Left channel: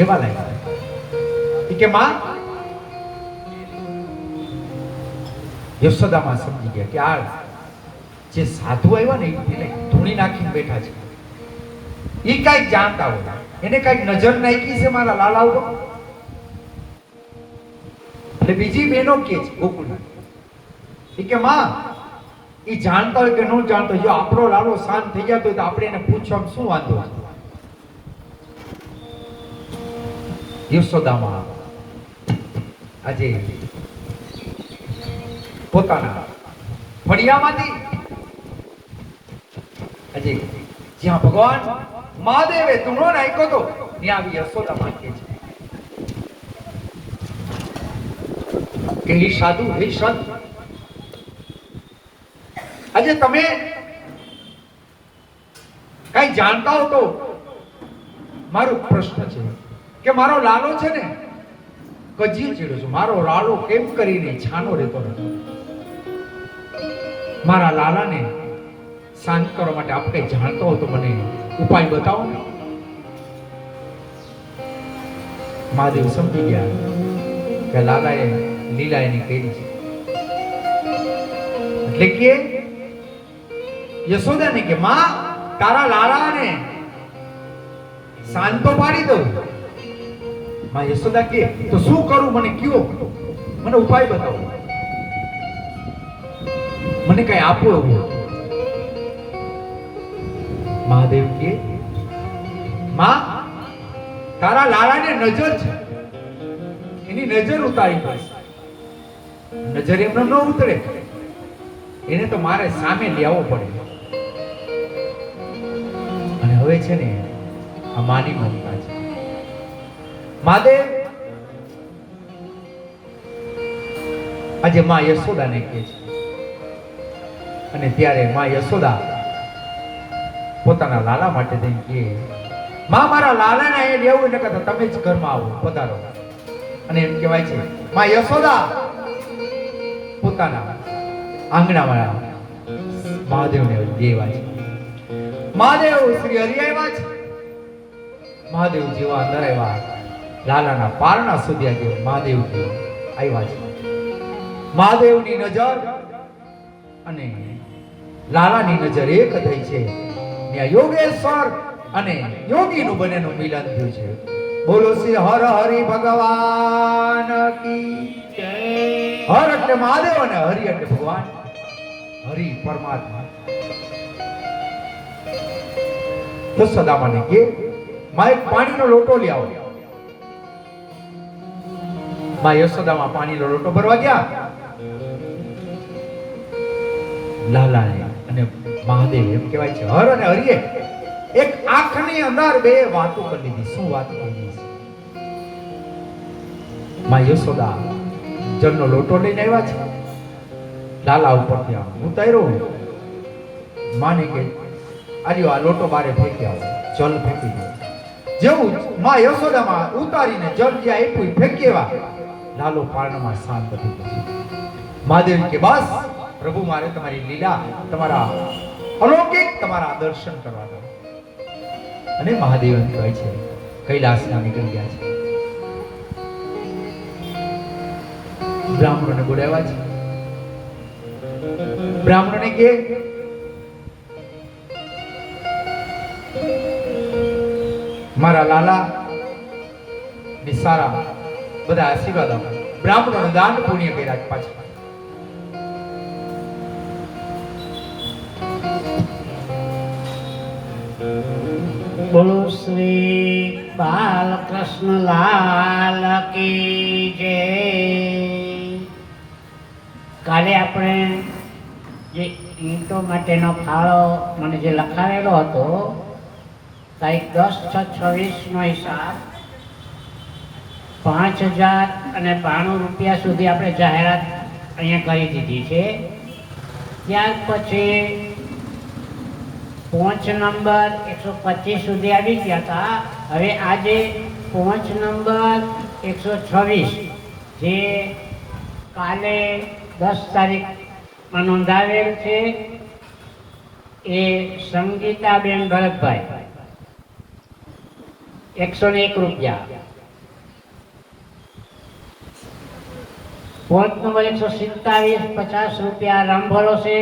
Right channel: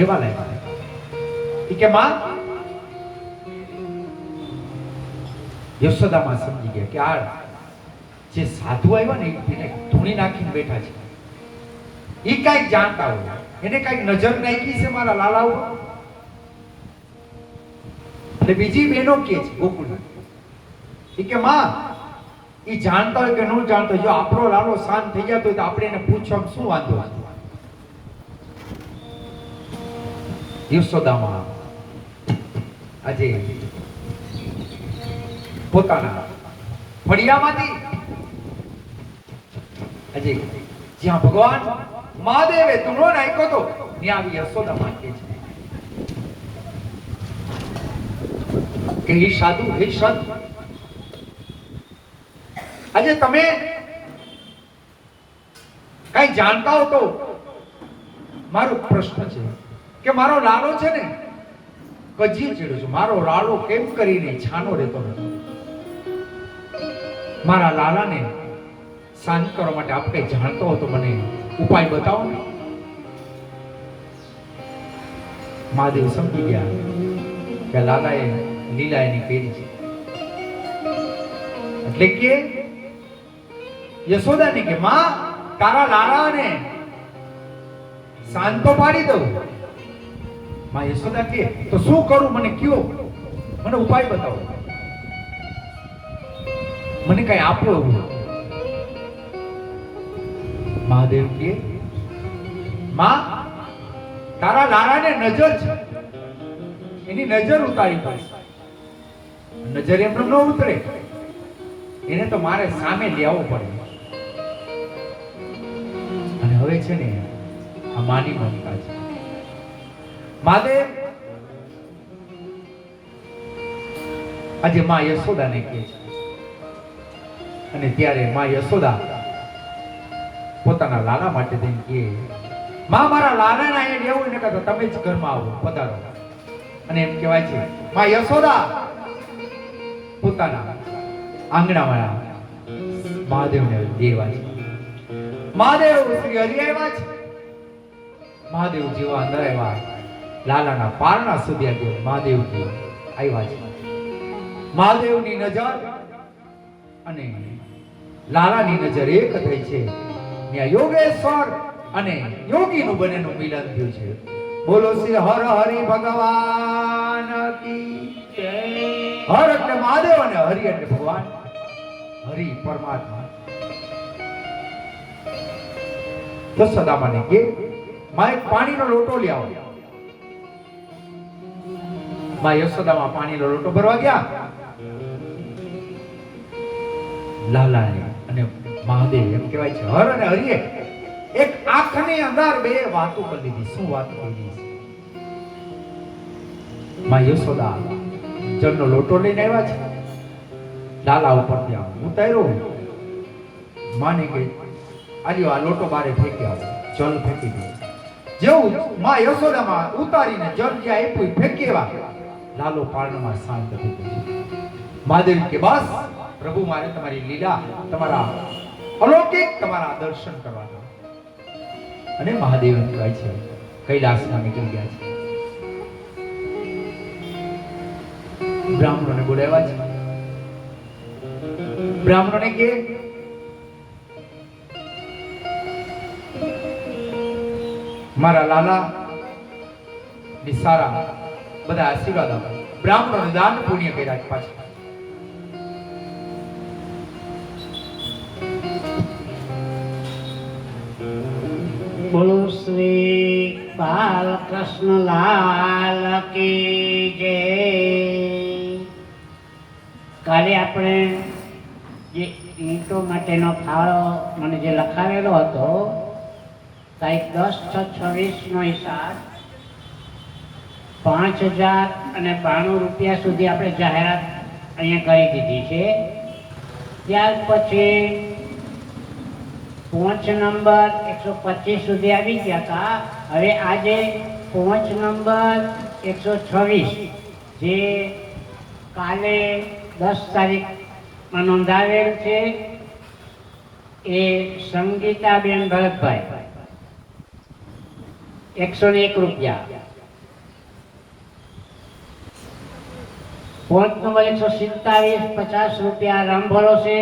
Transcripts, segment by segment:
કેવા લાગ્યા કે માં યશોદામાં સમજી ગયા કે આ જે સાધુ આવ્યા ને એને ધૂણી નાખીને બેઠા છે, એ કઈક જાણતા હોય, એને કઈક નજર નાખી છે મારા લાલા ઉપર. એટલે બીજી બહેનો કે છે ગોકુળના કે માં એ જાણતા હોય કે ન જાણતો હોય, જો આપણો લાલો શાંત થઈ જતો હોય તો આપણે એને પૂછવામાં શું વાંધો છે. યશોદામાં આજે પોતાના ફળિયામાંથી આજે જ્યાં ભગવાન મહાદેવે ધૂણો નાખ્યો હતો ત્યાં આવી યશોદામાં કે છે કે હે સાધુ, હે સંત, આજે તમે કઈ જાણતા હો તો મારો પ્રશ્ન છે કે મારો લાલો છે ને કજી ચીડ્યો છે, મારો લાલો કેમ કરીને છાનો રહેતો નથી. મારા લાલાને શાંત કરવા માટે આપ કઈ જાણતો હો તો મને ઉપાય બતાવો ને. મહાદેવ સમજી ગયા કે લાલાએ લીલા એની કરી છે, એટલે કે યશોદાને કે માં તારા લાલાને શાંત તો પાડી દઉં. માં યશોદા કે તો શું કરું, મને કયો, મને ઉપાય બતાવો, મને કઈ આપો એવું. મહાદેવ કે માં તારા લાલાને નજર છે, એની નજર ઉતારી પડશે. નજર એમને ન ઉતરે, એને તો મારે સામે લેવો પડે. અને હવે છે ને આ માની મમતા છે. મહાદેવ આજે માં યશોદાને કહે છે, અને ત્યારે માં યશોદા પોતાના લાલા માટે થઈને કહે માં મારા લાલાને અહીંયા લેવું ને કહેતા તમે જ ઘરમાં આવો, પધારો. અને એમ કહેવાય છે માં યશોદા પોતાના આંગણામાં મહાદેવને દેવા છે. મહાદેવ શ્રી હરિ આવ્યા છે. મહાદેવ જેવા અંદર આવ્યા, લાલાના પારણા સુધી આજે મહાદેવ આવ્યા છે. મહાદેવની નજર અને લાલાની નજર એક થઈ છે. ત્યાં યોગેશ્વર અને યોગીનું બંનેનું મિલન થયું છે. બોલો શ્રી હર હરિ ભગવાન કી જય. હર એટલે મહાદેવ અને હરિ એટલે ભગવાન, હરિ પરમાત્મા. યશોદામાને કે માં એક પાણીનો લોટો લઈ આવો. માં યશોદામાં પાણીનો લોટો ભરવા ગયા. લાલાએ અને મહાદેવ એમ કહેવાય છે હર અને હરિએ એક આંખની અંદર બે વાતો કરી લીધી. શું વાત કરી છે? માં યશોદા જળનો લોટો લઈને આવ્યા છે. લાલા ઉપરથી ઉતાર્યો. માને કે આલ્યો આ લોટો બારે ફેંકી આવો, જળ ફેંકી દે. જેવું માં યશોદામાં ઉતારીને જળ જ્યાં આપ્યું ફેંકી આવ્યા, લાલો પારણામાં શાંત થઈ ગયો. મહાદેવ કે બસ પ્રભુ મારે તમારી લીલા, તમારા અલૌકિક તમારા દર્શન કરવા દો. અને મહાદેવ એમ કહે છે કૈલાસના નીકળી ગયા છે. બ્રાહ્મણોને બોલાવ્યા છે. બ્રાહ્મણોને કે મારા લાલા સારા બધા આશીર્વાદ આપો. બ્રાહ્મણોને દાન પુણ્ય કર્યા પાછા. બોલો શ્રી બાલકૃષ્ણ લાલ કી જય. કાલે આપણે જે ઈંટો માટેનો ફાળો મને જે લખાવેલો હતો, તારીખ 10/6/26નો હિસાબ 5092 રૂપિયા સુધી આપણે જાહેરાત અહીંયા કરી દીધી છે. ત્યાર પછી પહોંચ નંબર 125 સુધી આવી ગયા હતા. હવે આજે પહોંચ નંબર 126 જે કાલે 10 તારીખમાં નોંધાવેલ છે, એ સંગીતાબેન ભરતભાઈ 101 રૂપિયા. પોઈન્ટ નંબર 127 50 રૂપિયા રામ ભરોસે.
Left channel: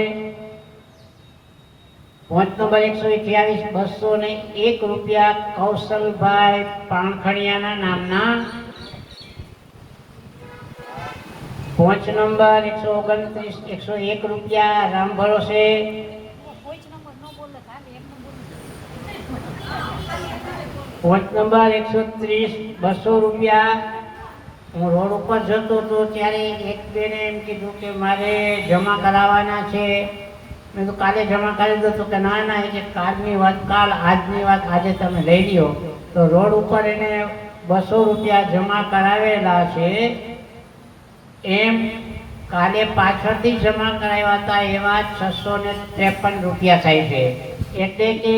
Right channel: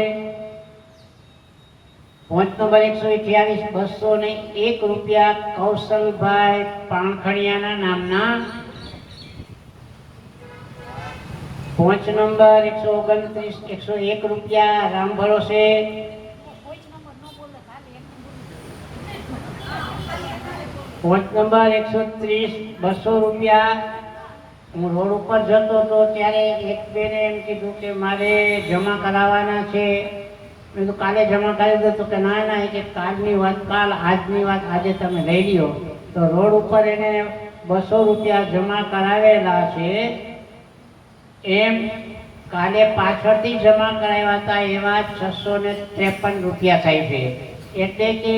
પોઈન્ટ નંબર 128 201 રૂપિયા કૌશલભાઈ પાણખણિયાના નામના. પોઈન્ટ નંબર 129 101 રૂપિયા રામ ભરોસે. પોઈન્ટ નંબર 130 200 રૂપિયા. હું રોડ ઉપર જતો હતો ત્યારે એક બેને એમ કીધું કે મારે જમા કરાવવાના છે. મેં તો કાલે જમા કરી દો તો કે ના ના, એ કે કાલની વાત કાલ, આજની વાત આજે તમે લઈ લ્યો. તો રોડ ઉપર એને 200 રૂપિયા જમા કરાવેલા છે. એમ કાલે પાછળથી જમા કરાવ્યા હતા એવા 653 રૂપિયા થાય છે. એટલે કે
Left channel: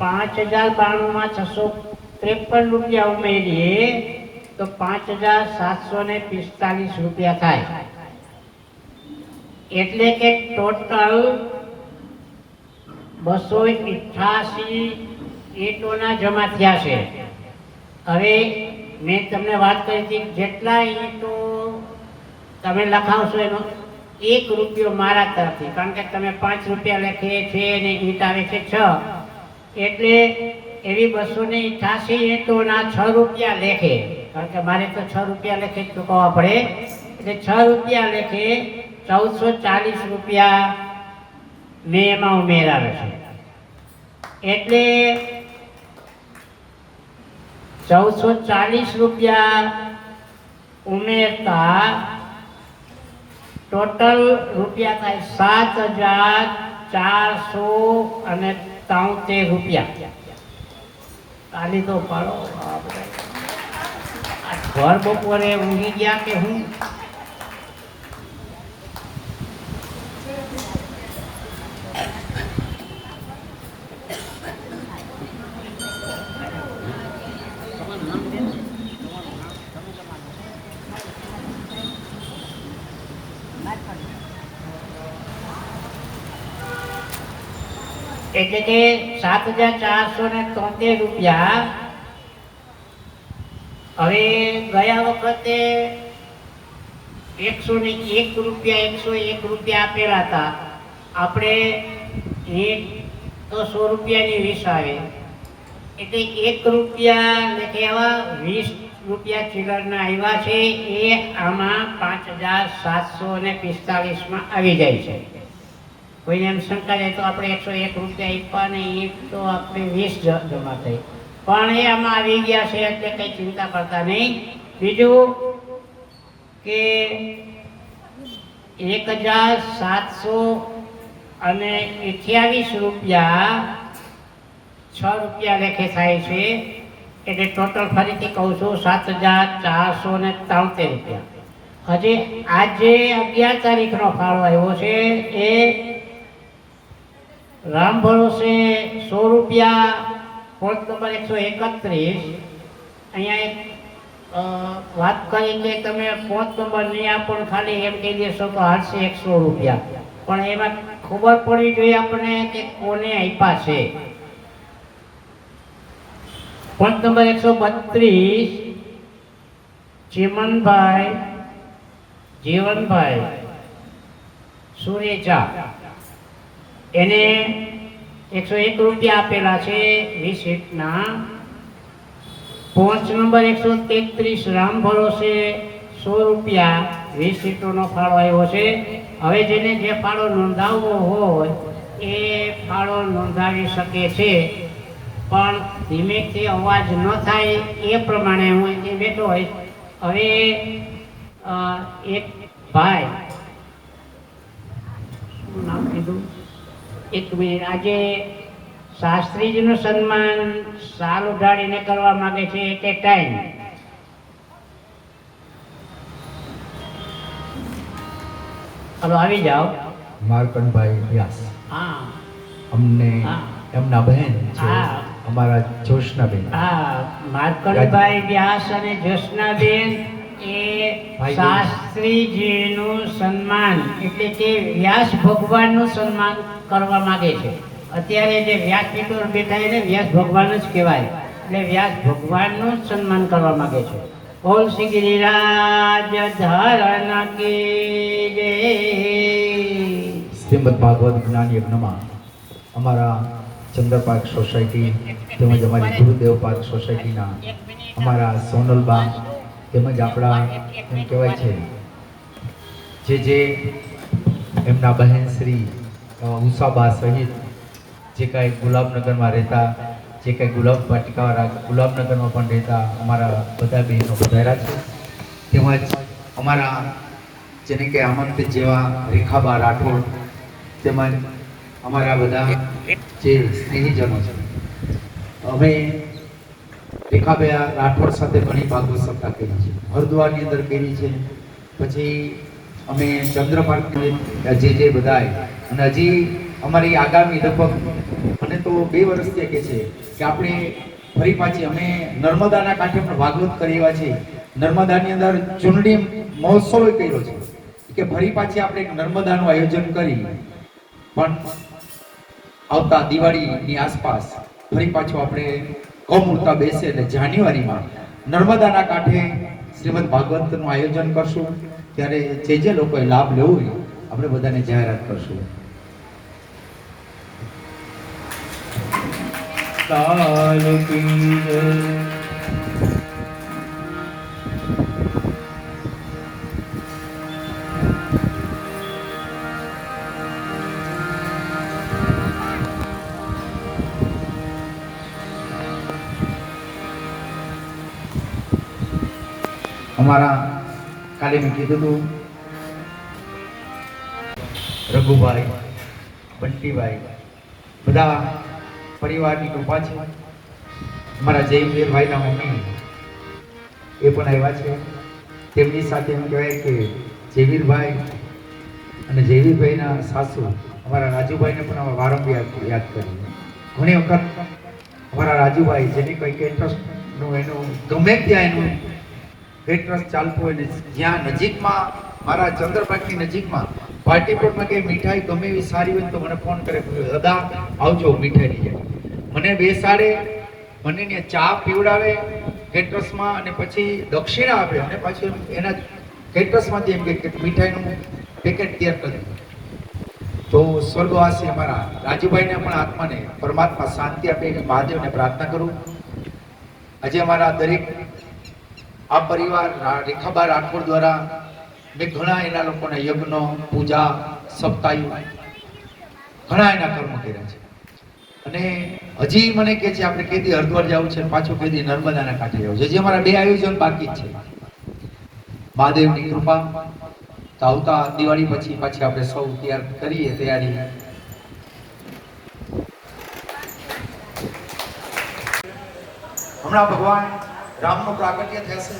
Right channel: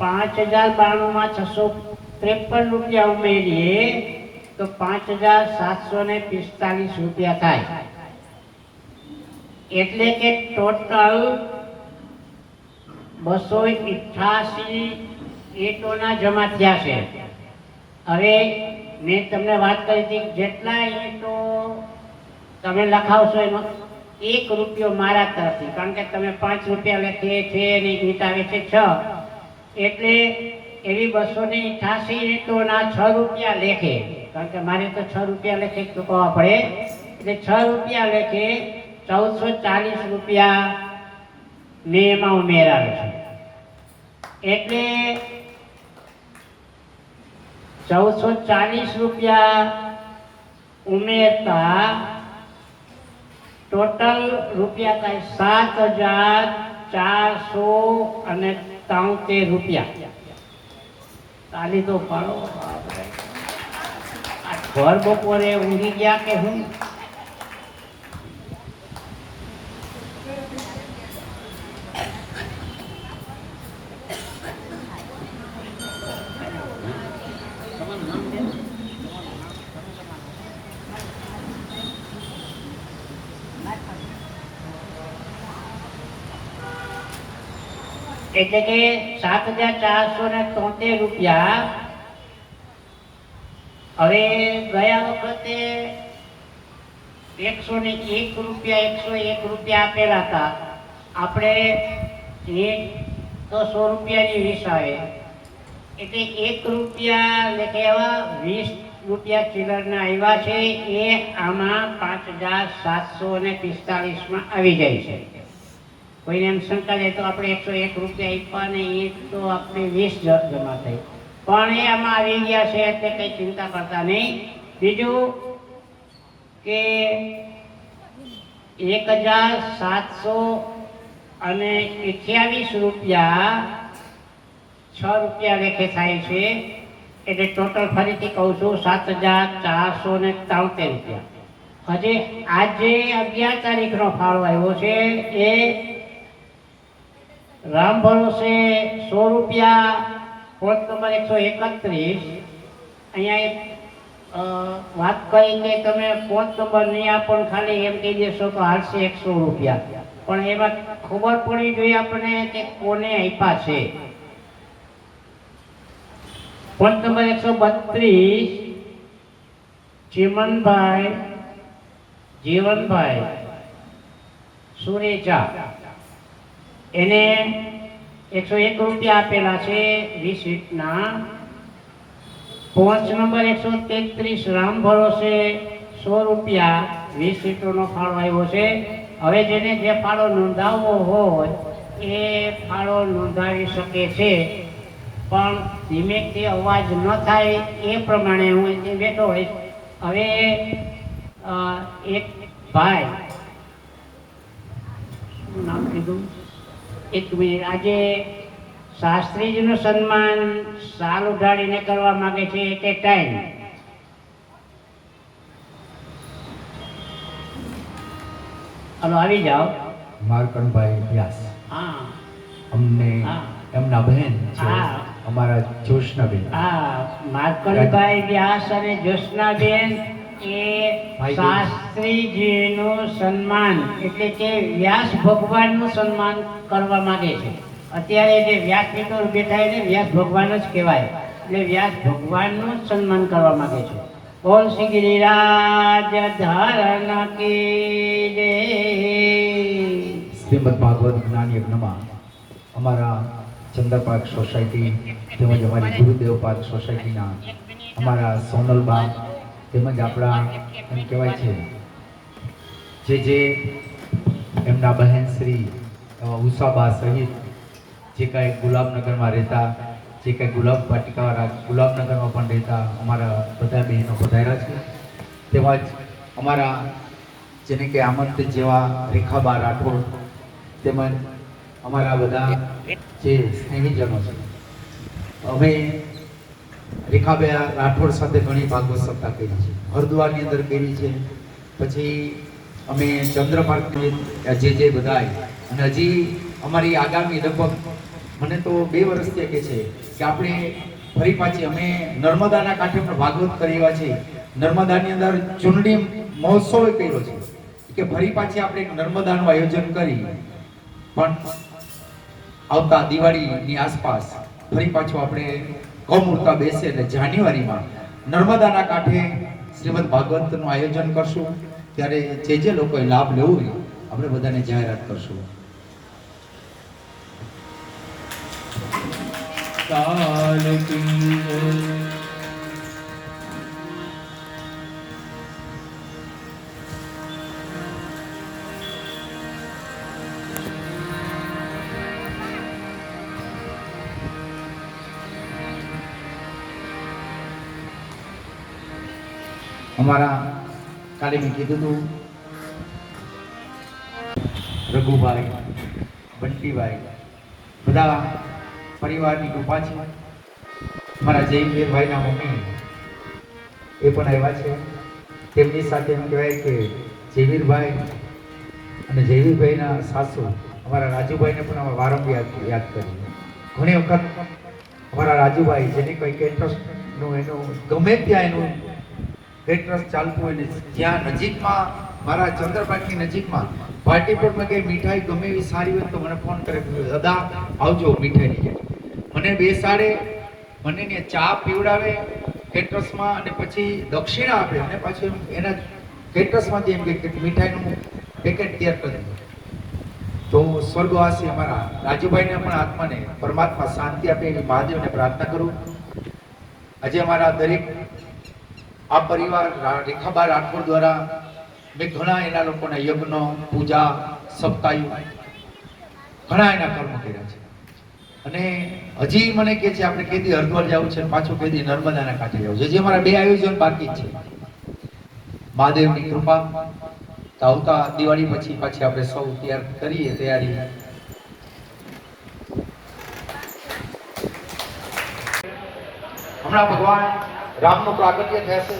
5092 માં 653 રૂપિયા ઉમેરીએ તો 5745 રૂપિયા થાય. એટલે કે ટોટલ 288 ઈંટોના જમા થયા છે. હવે મેં તમને વાત કરી હતી જેટલા ઈંટો તમે લખાવશો એનો 1 રૂપિયો મારા તરફથી, કારણ કે તમે 5 રૂપિયા લખીએ છે અને ઈંટ આવે છે 6, એટલે એવી 288 ઈંટોના 6 રૂપિયા લેખે, કારણ કે મારે તો 6 રૂપિયા લેખે ચૂકવવા પડે, એટલે 6 રૂપિયા લેખે 1440 રૂપિયા મેં એમાં ઉમેરાવે છે. એટલે 1440 રૂપિયા ઉમેરતા ટોટલ રૂપિયા થાય 7473 રૂપિયા. તાલી તો પાડો. ઘર બપોરે ઊંઘી ગયા કે હું? એટલે કે 7473 રૂપિયા. હવે ગયા વખતે 101 રૂપિયા આપેલા હતા. આપણે એક તો 100 રૂપિયાની 20 આવે, એટલે 1 રૂપિયા લેખે એવા 20 રૂપિયા ચિલ્લરના આવ્યા છે. એ આમાં 5745 માં આવી જાય છે. કોઈને એમ શંકા રહે તો આપણે 101 રૂપિયા આપ્યા ને એ તો આપણે 20 જમા થઈ, પણ એ આમાં આવી ગયા છે એટલે કંઈ ચિંતા કરતા નહીં. બીજું કે 1728 રૂપિયા 6 રૂપિયા લેખે થાય છે. એટલે ટોટલ ફરીથી કહું છું 7473 રૂપિયા. હજી આજે 11 તારીખનો ફાળો આવ્યો છે એ રામ ભરોસે 100 રૂપિયા. Point number 131. અહીંયા એક વાત કરી કે તમે પોઈન્ટ નંબર નહીં આપો ખાલી એમ કહી દેશો તો હાલશે 100 રૂપિયા, પણ એમાં ખબર પડવી જોઈએ આપણને કે કોને આપ્યા છે. પોઈન્ટ નંબર 132 જીવનભાઈ સુરેજા, એને 101 રૂપિયા આપેલા છે 20 ઈંટના. પોઈન્ટ નંબર 133 રામ ભરોસે 100 રૂપિયા 20 ઈંટોનો ફાળો આવ્યો છે. હવે જેને જે ફાળો નોંધાવવો હોય એ ફાળો નોંધાવી શકે છે, પણ ધીમેથી અવાજ ન થાય એ પ્રમાણે હું અહીંથી બેઠો હોય. હવે એક ભાઈ નામ કીધું, એક મિનિટ. આજે શાસ્ત્રીજીનું સન્માન સાલ ઉઢાડીને કરવા માંગે છે એટ એ ટાઈમ. હલો, આવી જાઓ. માર્કંડભાઈ વ્યાસ, હા, અમને હા. એમના બહેન છે, હા. અમારા જોશનાબેન. હા, માર્કંડભાઈ વ્યાસ અને જ્યોત્સનાબેન એ શાસ્ત્રીજીનું સન્માન એટલે કે વ્યાસ ભગવાનનું સન્માન કરવા માંગે છે. અત્યારે જે વ્યાસપીઠ પર બેઠા એને વ્યાસ ભગવાન જ કહેવાય. એટલે વ્યાસ ભગવાનનું જ સન્માન કરવા માંગે છે. ઓમ શ્રી ગિરિરાજ ધારણ કી જય. શ્રીમદ ભાગવત જ્ઞાન યજ્ઞમાં અમારા ચંદ્રપાર્ક સોસાયટી તેમજ અમારી ગુરુદેવ પાર્ક સોસાયટીના અમારા સોનલબા તેમજ આપણા એમ કહેવાય છે જે એમના બહેન શ્રી ઉષાબા સહિત જે કાંઈ ગુલાબનગરમાં રહેતા, જે કાંઈ ગુલાબ વાટિકાવાળા ગુલાબનગરમાં પણ રહેતા અમારા બધા બહેનો પધાર્યા છે. તેમજ અમારા જેને કે આમંત્રિત જેવા રેખાબા રાઠોડ તેમજ અમારા બધા જે સ્નેહીજનો છે. અમે રેખાબા રાઠોડ સાથે ઘણી ભાગવત સપ્તાહ કરી છે, હરિદ્વારની અંદર કરી છે, પછી અમે ચંદ્રપાર્ક જે બધાય, અને હજી અમારી આગામી લગભગ મને તો 2 વર્ષથી કહે છે કે આપણે ફરી પાછી અમે નર્મદાના કાંઠે પણ ભાગવત કરી એવા છે. નર્મદાની અંદર ચૂંટણી મહોત્સવ કર્યો છે કે ફરી પાછી આપણે નર્મદાનું આયોજન કરી પણ આવતા દિવાળીની આસપાસ ફરી પાછું આપણે કૌમૂર્તા બેસે એટલે જાન્યુઆરીમાં નર્મદાના કાંઠે શ્રીમદ ભાગવતનું આયોજન કરશું. ત્યારે જે લોકોએ લાભ લેવો હોય આપણે બધાને જાહેરાત કરશું. કાલ કી જય. અમારા કાલે મેં કીધું હતું રઘુભાઈ, બંટીભાઈ બધા પરિવારની કૃપા છે. મારા જયવીરભાઈના મમ્મી એ પણ આવ્યા છે. તેમની સાથે એમ કહેવાય કે જયવીરભાઈ અને જયવીરભાઈના સાસુ અમારા રાજુભાઈને પણ અમે વારંવાર યાદ કરી. ઘણી વખત અમારા રાજુભાઈ જેની કોઈ કેન્ટ્રસ્ટનું એનું ગમે ત્યાં એનું કેન્ટ્રસ ચાલતું હોય ને જ્યાં નજીકમાં મારા ચંદ્રપાકની નજીકમાં પાર્ટીપુરમાં કે મીઠાઈ ગમે એવી સારી હોય તો મને ફોન કરે કે દાદા આવજો મીઠાઈ લઈ. મને બેસાડે, મને ને ચા પીવડાવે કેટરસમાં અને પછી દક્ષિણા આપે અને પાછું એના કેટરસમાંથી એમ કે મીઠાઈનું પેકેટ તૈયાર કરી. તો સ્વર્ગવાસી અમારા રાજુભાઈને પણ આત્માને પરમાત્મા શાંતિ આપે એની મહાદેવને પ્રાર્થના કરું. આજે અમારા દરેક આ પરિવાર રેખાબા રાઠોડ દ્વારા મેં ઘણા એના લોકોના યજ્ઞ, પૂજા, સપ્તાહો ઘણા એના કર્મ કર્યા છે. અને હજી મને કહે છે આપણે કેદી હરિદ્વાર જવું છે, પાછું કેદી નર્મદાના કાંઠે જવું છે. હજી અમારા 2 આયોજન બાકી જ છે. મહાદેવની કૃપા તો આવતા દિવાળી પછી આપણે સૌ તૈયાર કરીએ તૈયારી. હમણાં ભગવાન રામનું પ્રાગટ્ય થશે.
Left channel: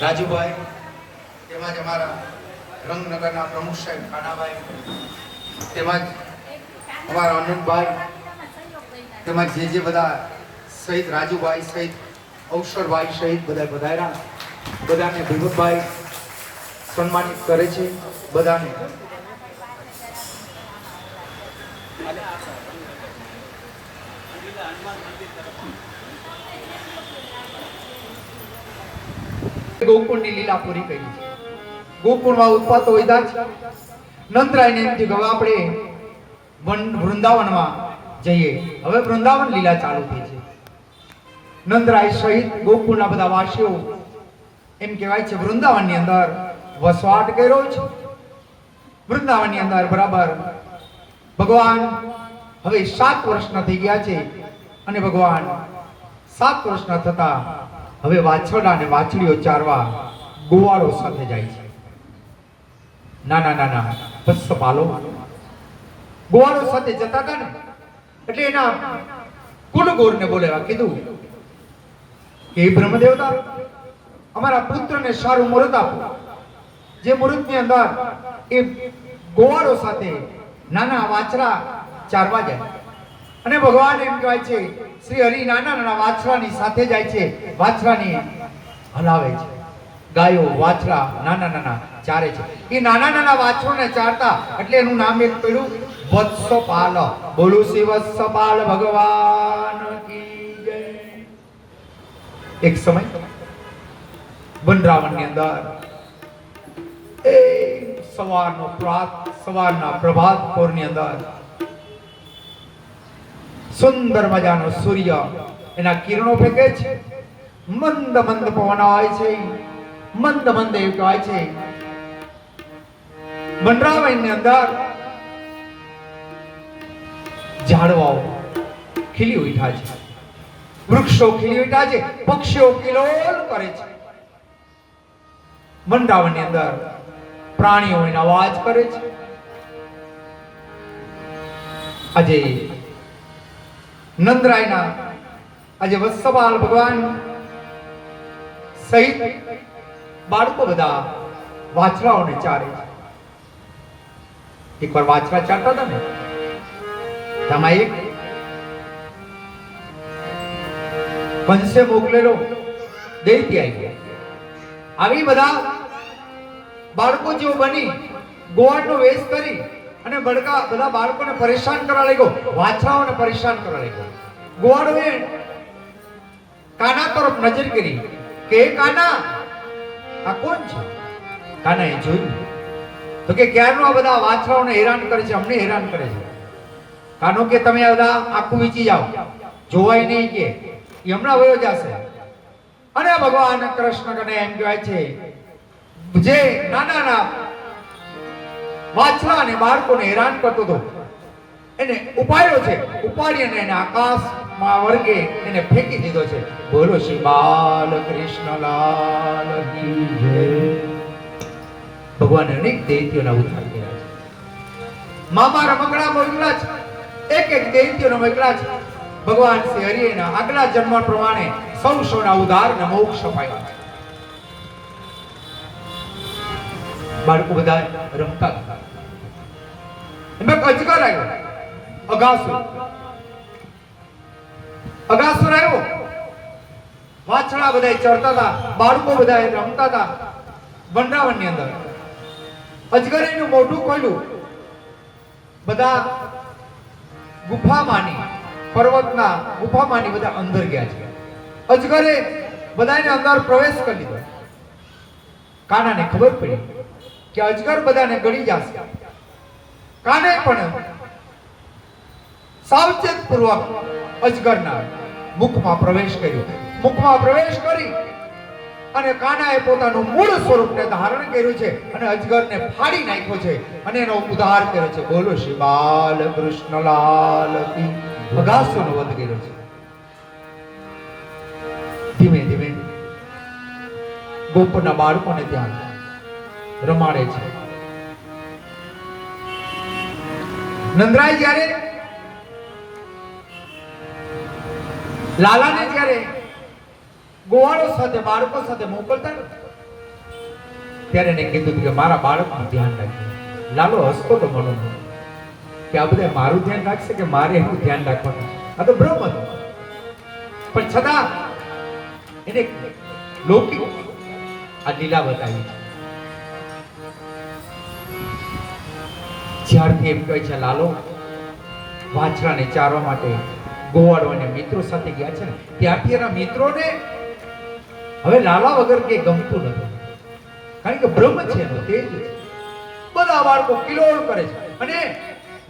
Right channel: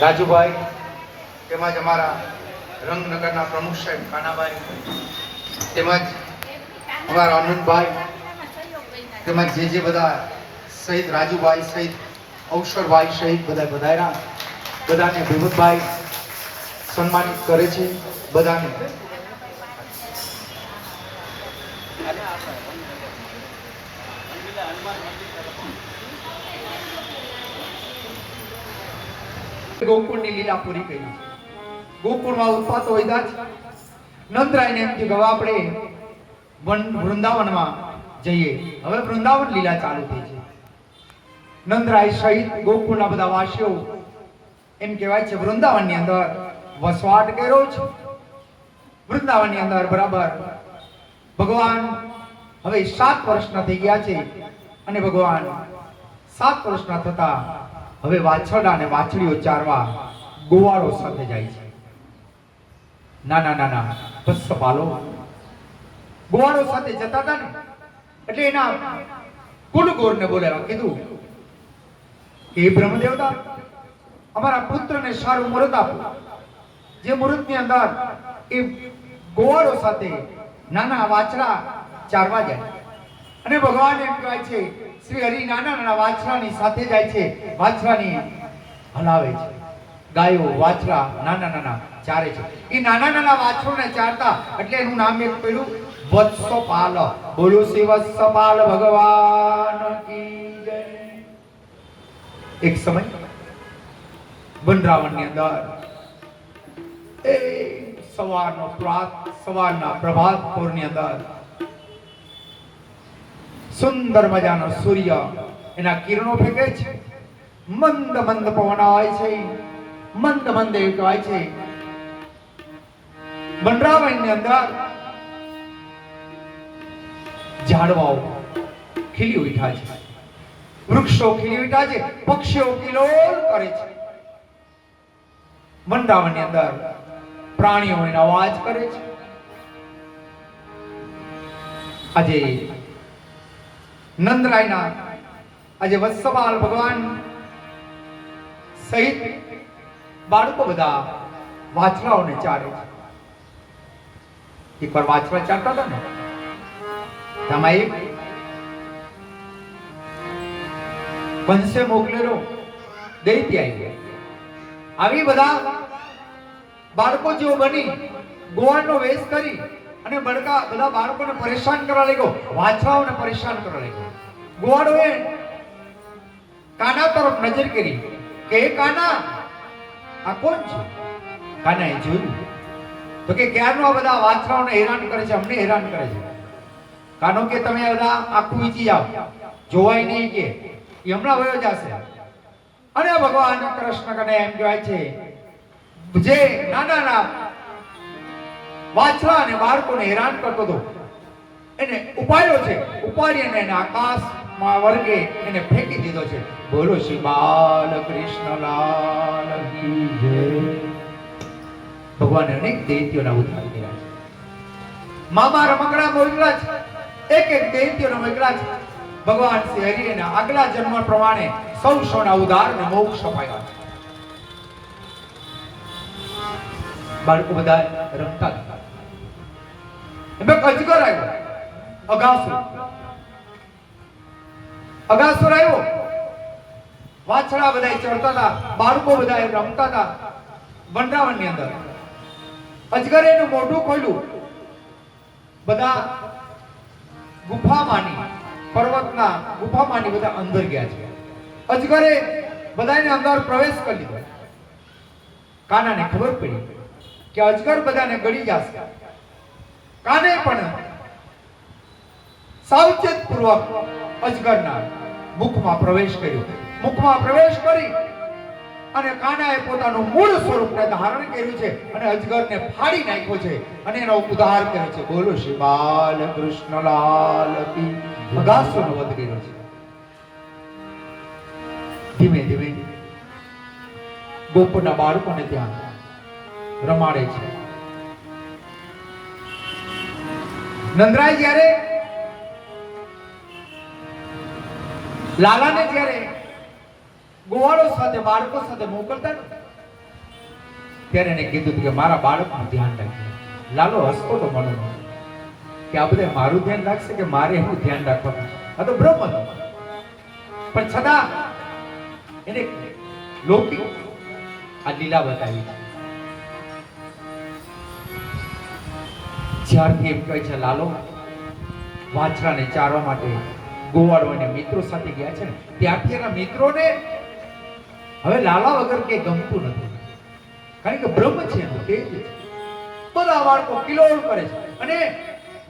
રાજુભાઈ તેમજ અમારા રંગનગરના પ્રમુખ સાહેબ કાનાભાઈ તેમજ અમારા આનંદભાઈ તેમજ જે બધા સહિત રાજુભાઈ સહિત અવસરભાઈ સહિત બધા પધાર્યા. બધાને ભીમતભાઈ સન્માનિત કરે છે. બધાને ગોકુળની લીલા પૂરી કરી છે. ગોકુળમાં ઉત્પાતો વધ્યા છે. નંદરાયને એમ થયું કે આપણે વૃંદાવનમાં જઈએ. હવે વૃંદાવન લીલા ચાલુ થઈ છે. નંદરાય સહિત ગોકુળના બધા વાસીઓ એમ કહેવાય છે વૃંદાવનની અંદર વસવાટ કર્યો છે. વૃંદાવનની અંદર બરાબર ભગવાન હવે 7 વર્ષના થઈ ગયા છે અને ભગવાન 7 વર્ષના થતા હવે વાછરડા અને વાછડીઓ ચારવા ગોવાળો સાથે જાય છે. નાના વત્સપાલો ગોવાળો સાથે જતા હતા ને એટલે એના કુંડગોરને બોલાવ્યા. કીધું કે બ્રહ્મદેવતા અમારા પુત્રને સારું મુહૂર્ત આપો. જે મુહૂર્તની અંદર એ ગોવાળો સાથે નાના વાછરા ચારવા જાય. અને ભગવાન એમ કહેવાય છે શ્રી હરિ નાના વાછરાની સાથે જાય છે, વાછરાની હલાવે છે. ગાયો વાછડા નાના નાના ચારે છે. એ નાના નાના વાછરોને ચારતા એટલે એનું નામ એક પેલું વત્સપાલ. બોલો શ્રી વત્સપાલ ભગવાન કી જય. એક સમય વનરાવણની અંદર એ સવારના પ્રભાત પોરની અંદર સુંદર મજાનો સૂર્ય એના કિરણો ફેંકે છે. મંદ મંદ પવન આવે છે, મંદ મંદ એવું કહેવાય છે. વનરાવણની અંદર ઝાડવાઓ ખીલી ઉઠ્યા છે, વૃક્ષો ખીલી ઉઠ્યા છે, પક્ષીઓ કિલોલ કરે છે. વનરાવણની અંદર પ્રાણીઓ એનો અવાજ કરે છે. આજે નંદરાયના આજે વત્સપાલ ભગવાન સહિત બાળકો બધા વાછરાઓને ચારે છે. એકવાર વાછરા ચારતા હતા ને, તેમાં એક કંસે મોકલેલો દૈત્ય આવી આવી બધા બાળકો જેવો બની ગોવાળનો વેશ કરી અને બધા બાળકોને પરેશાન કરવા લાગ્યો, વાછરાઓને પરેશાન કરવા લાગ્યો. ગોવાળોએ કાના તરફ નજર કરી કે એ કાના આ કોણ છે? કાનાએ જોયું તો કે ક્યારનો આ બધા વાછરાઓને હેરાન કરે છે, અમને હેરાન કરે છે. કાનો કે તમે આ બધા આખું વીચી જાઓ, જોવાય નહીં કે એ હમણાં વયો જશે. અને ભગવાન કૃષ્ણ કને એમ કહેવાય છે જે નાના વાછરા અને બાળકોને હેરાન કરતો હતો એને ઉપાડ્યો છે, ઉપાડી અને એને આકાશમાં વર્ગે એને ફેંકી દીધો છે. બોલો શ્રી બાલ કૃષ્ણલાલ કી જય. ભગવાને અનેક દૈત્યોના ઉદ્ધાર કર્યા છે. મામા રમકડા મોકલા છે, એક એક દૈત્યોના મોકલા છે. ભગવાન શ્રી હરિના આગલા જન્મ પ્રમાણે સૌ સૌના ઉદ્ધાર અને મોક્ષ અપાયા છે. બાળકો બધા રમતા હતા. એમાં અજગર આવ્યો, અગાસુર આવ્યો. વાછડા બધા ચડતા હતા, બાળકો બધા રમતા હતા. વનરાવણની અંદર અજગરે એનું મોઢું ખોલ્યું. બધા ગુફામાંની પર્વતના ગુફામાંની બધા અંદર ગયા છે. અજગરે બધાને અંદર પ્રવેશ કરી લીધો. કાનાને ખબર પડી કે અજગર બધાને ગળી જશે. કાને પણ સાવચેત પૂર્વક અજગરના મુખમાં પ્રવેશ કર્યો. મુખમાં પ્રવેશ કરી અને કાનાએ પોતાનું મૂળ સ્વરૂપને ધારણ કર્યું છે અને અજગરને ફાડી નાખ્યો છે અને એનો ઉદ્ધાર કર્યો છે. બોલો શ્રી બાલ કૃષ્ણલાલ કી. અગાસુરનો વધ કર્યો છે. ધીમે ધીમે ગોપના બાળકોને ત્યાં રમાડે છે. નંદરાય જ્યારે લાલાને જ્યારે ગોવાળો સાથે બાળકો સાથે મોકલતા ત્યારે એને કીધું કે મારા બાળકનું ધ્યાન રાખજો. લાલો હસતો તો મને કે આ બધા મારું ધ્યાન રાખશે કે મારે એનું ધ્યાન રાખવાનું. આ તો ભ્રમ હતો, પણ છતાં એને લૌકિક આ લીલા બતાવી છે. જ્યારથી એમ કહે છે લાલો વાછરાને ચારવા માટે ગોવાળો અને મિત્રો સાથે ગયા છે ને ત્યારથી એના મિત્રોને હવે લાલા વગર કે ગમતું નથી. કારણ કે બ્રહ્મ છે એનો તેજ છે. બધા બાળકો કિલોલ કરે છે. અને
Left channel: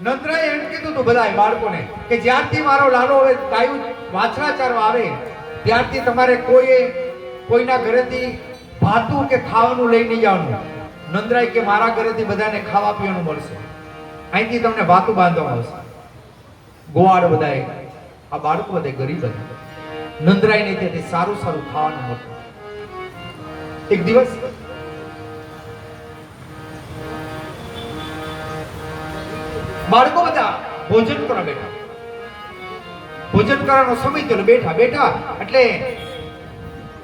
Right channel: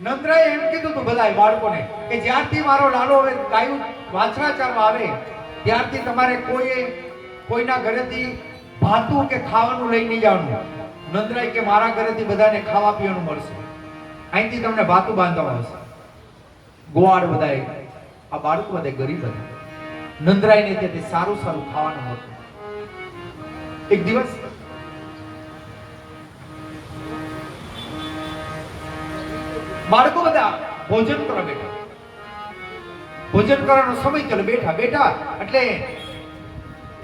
નંદરાએ એમ કીધું હતું બધા બાળકોને કે જ્યારથી મારો લાલો ગાયું વાછરા ચારવા આવે ત્યારથી તમારે કોઈના ઘરેથી ભાતું કે ખાવાનું લઈ નહીં જવાનું. નંદરાય કે મારા ઘરેથી બધાને ખાવા પીવાનું મળશે, અહીંથી તમને ભાતું બાંધવામાં આવશે. ગોવાળ બધાએ આ બાળકો બધા ગરીબ હતા. નંદરાયને તેથી સારું સારું ખાવાનું મળતું. એક દિવસ બાળકો બધા ભોજન કરવા બેઠા. ભોજન કરવાનો સમય થયો, બેઠા બેઠા એટલે